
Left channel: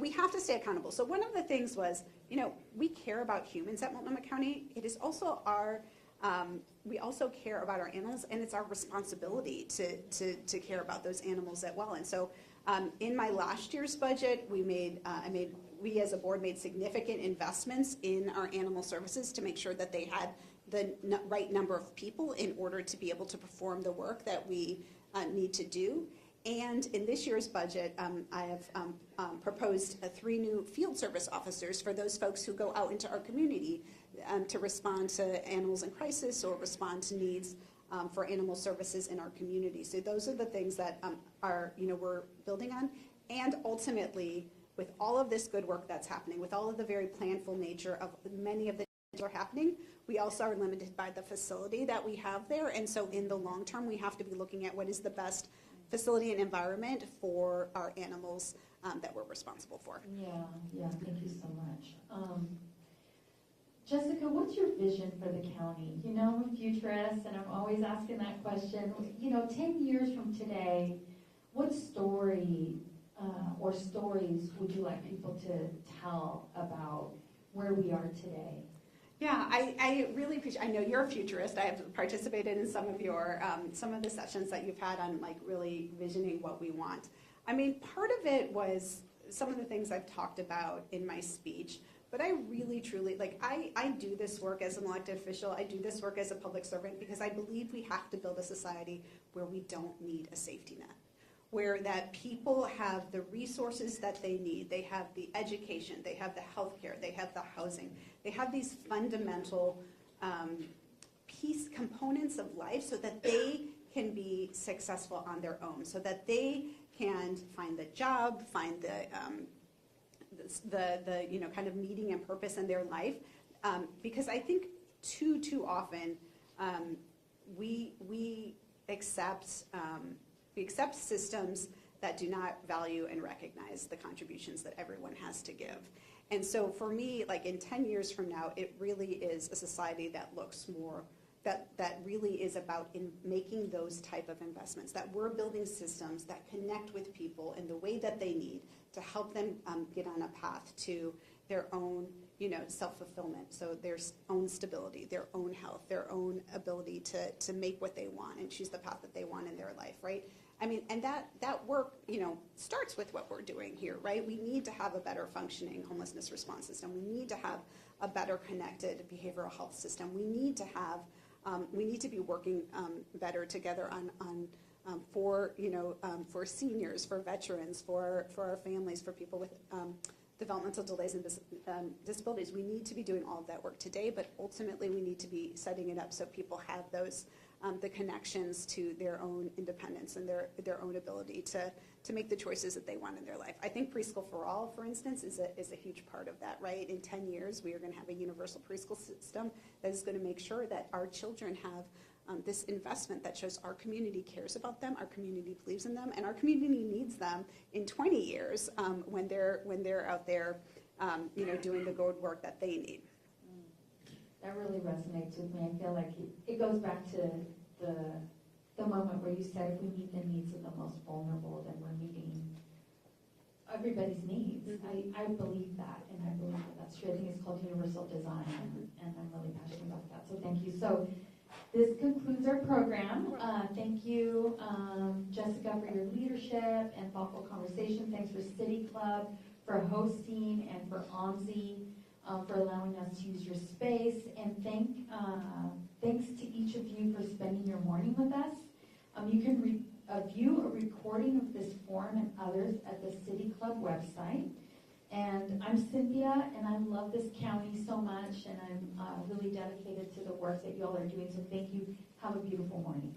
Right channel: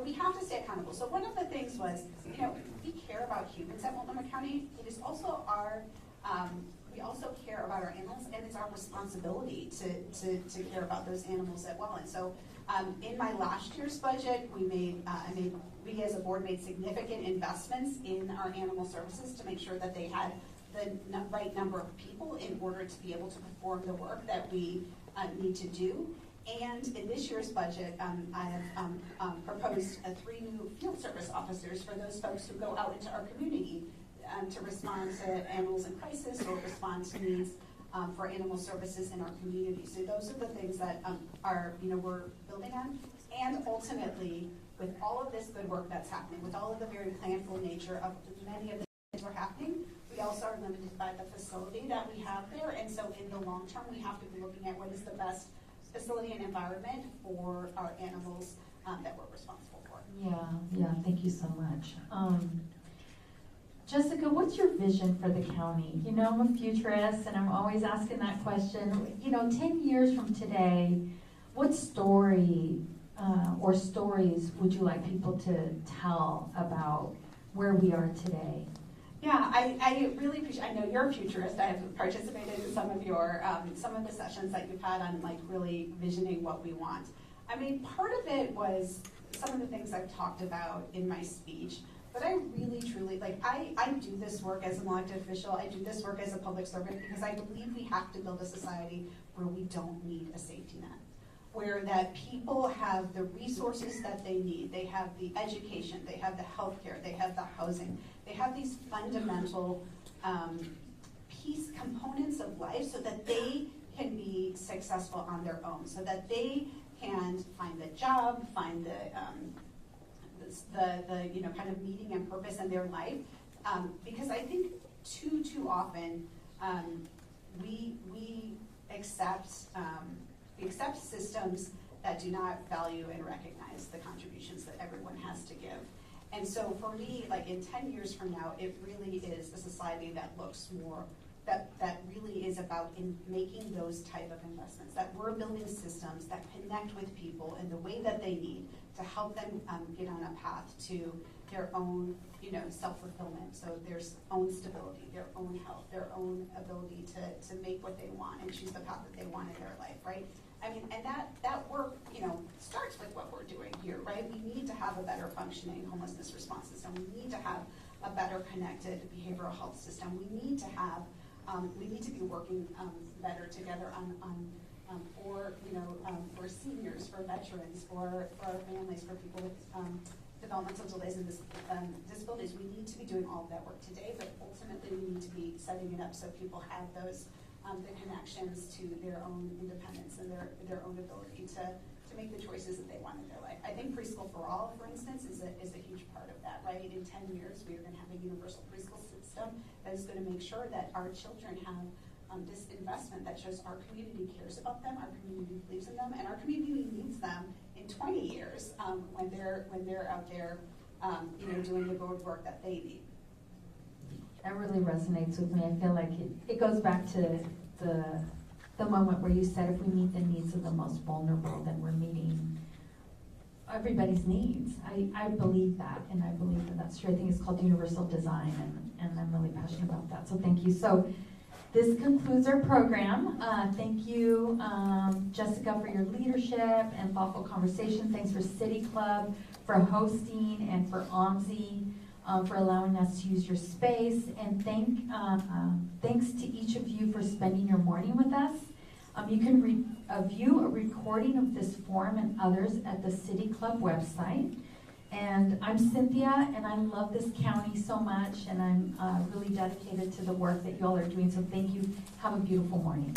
We have to stay accountable. So one of the things was, we care about humans at Multnomah County. It is also we also care about our animals, and it's our responsibility to care about those animals as well. And so in my last year's budget, we as a board made significant investments in our Animal Services to make sure that they had the right number of people in order to be able to perform the work that we need to do. And in this year's budget, I have proposed 3 new field service officers for those folks who go out into our community to respond to animals in crisis or respond to needs for animal services in our community. So those are the things that we're building on. And ultimately, with all of this good work that's happening, with all of the very planful nature of many of the things that are happening, we also are limited by the facility that we have there. And so in the long term, we have to be looking at what is the best facility and environment for our animals that we're responsible for. Yeah, thank you so much. Jessica, what's your vision for the county? I'm a futurist, and I'm always asking that question. 10 years from today, what story or stories would you like people to tell about where we are today? Yeah, I really appreciate. I know you're a futurist. I have participated in some of the sessions that you've had on really visioning what we want. I mean, part of it was some of the things I've talked about in my speech. But I really, truly, I do this work as an elected official. I do this work as a public servant because I believe we have to build a society where we don't need a safety net, where that people have the resources that they need. They have the education, they have the healthcare, they have the housing. They have these fundamental piece components of life so that they can be successful on their own, so that they can find the job, find the kind of meaning and purpose in their life, because I think too often we accept systems that do not value and recognize the contributions that everyone has to give. And so for me, in 10 years from now, it really is a society that looks more, that really is about making those type of investments, that we're building systems that connect with people in the way that they need to help them get on a path to their own, self-fulfillment. So their own stability, their own health, their own ability to make what they want and choose the path that they want in their life, right? I mean, and that work, starts with what we're doing here, right? We need to have a better functioning homelessness response system. We need to have a better connected behavioral health system. We need to have, we need to be working better together on for, for seniors, for veterans, for our families, for people with developmental delays and disabilities. We need to be doing all of that work today, but ultimately we need to be setting it up so people have those the connections to their own independence and their own ability to make the choices that they want in their life. I think Preschool for All, for instance, is a huge part of that, right? In 10 years, we are going to have a universal preschool system that is going to make sure that our children have this investment that shows our community cares about them, our community believes in them, and our community needs them in 20 years when they're out there, doing the good work that they need. That really resonates with me. I feel like it goes back to the moment where you said if we meet the needs of the most vulnerable, then we're meeting everybody's needs. I believe that, and I believe that that's true. I think it's called universal design, and I'm really passionate about that. So thank you. So this concludes our program. Thank you, Jessica, for your leadership and thoughtful conversation. Thanks for City Club for hosting, and for OMSI for allowing us to use your space. And thanks to each of you for spending your morning with us. You can view a recording of this forum and others at the City Club website. And I'm Cynthia, and I love this county so much, and I'm really dedicated to the work that y'all are doing. So thank you. Have a beautiful morning.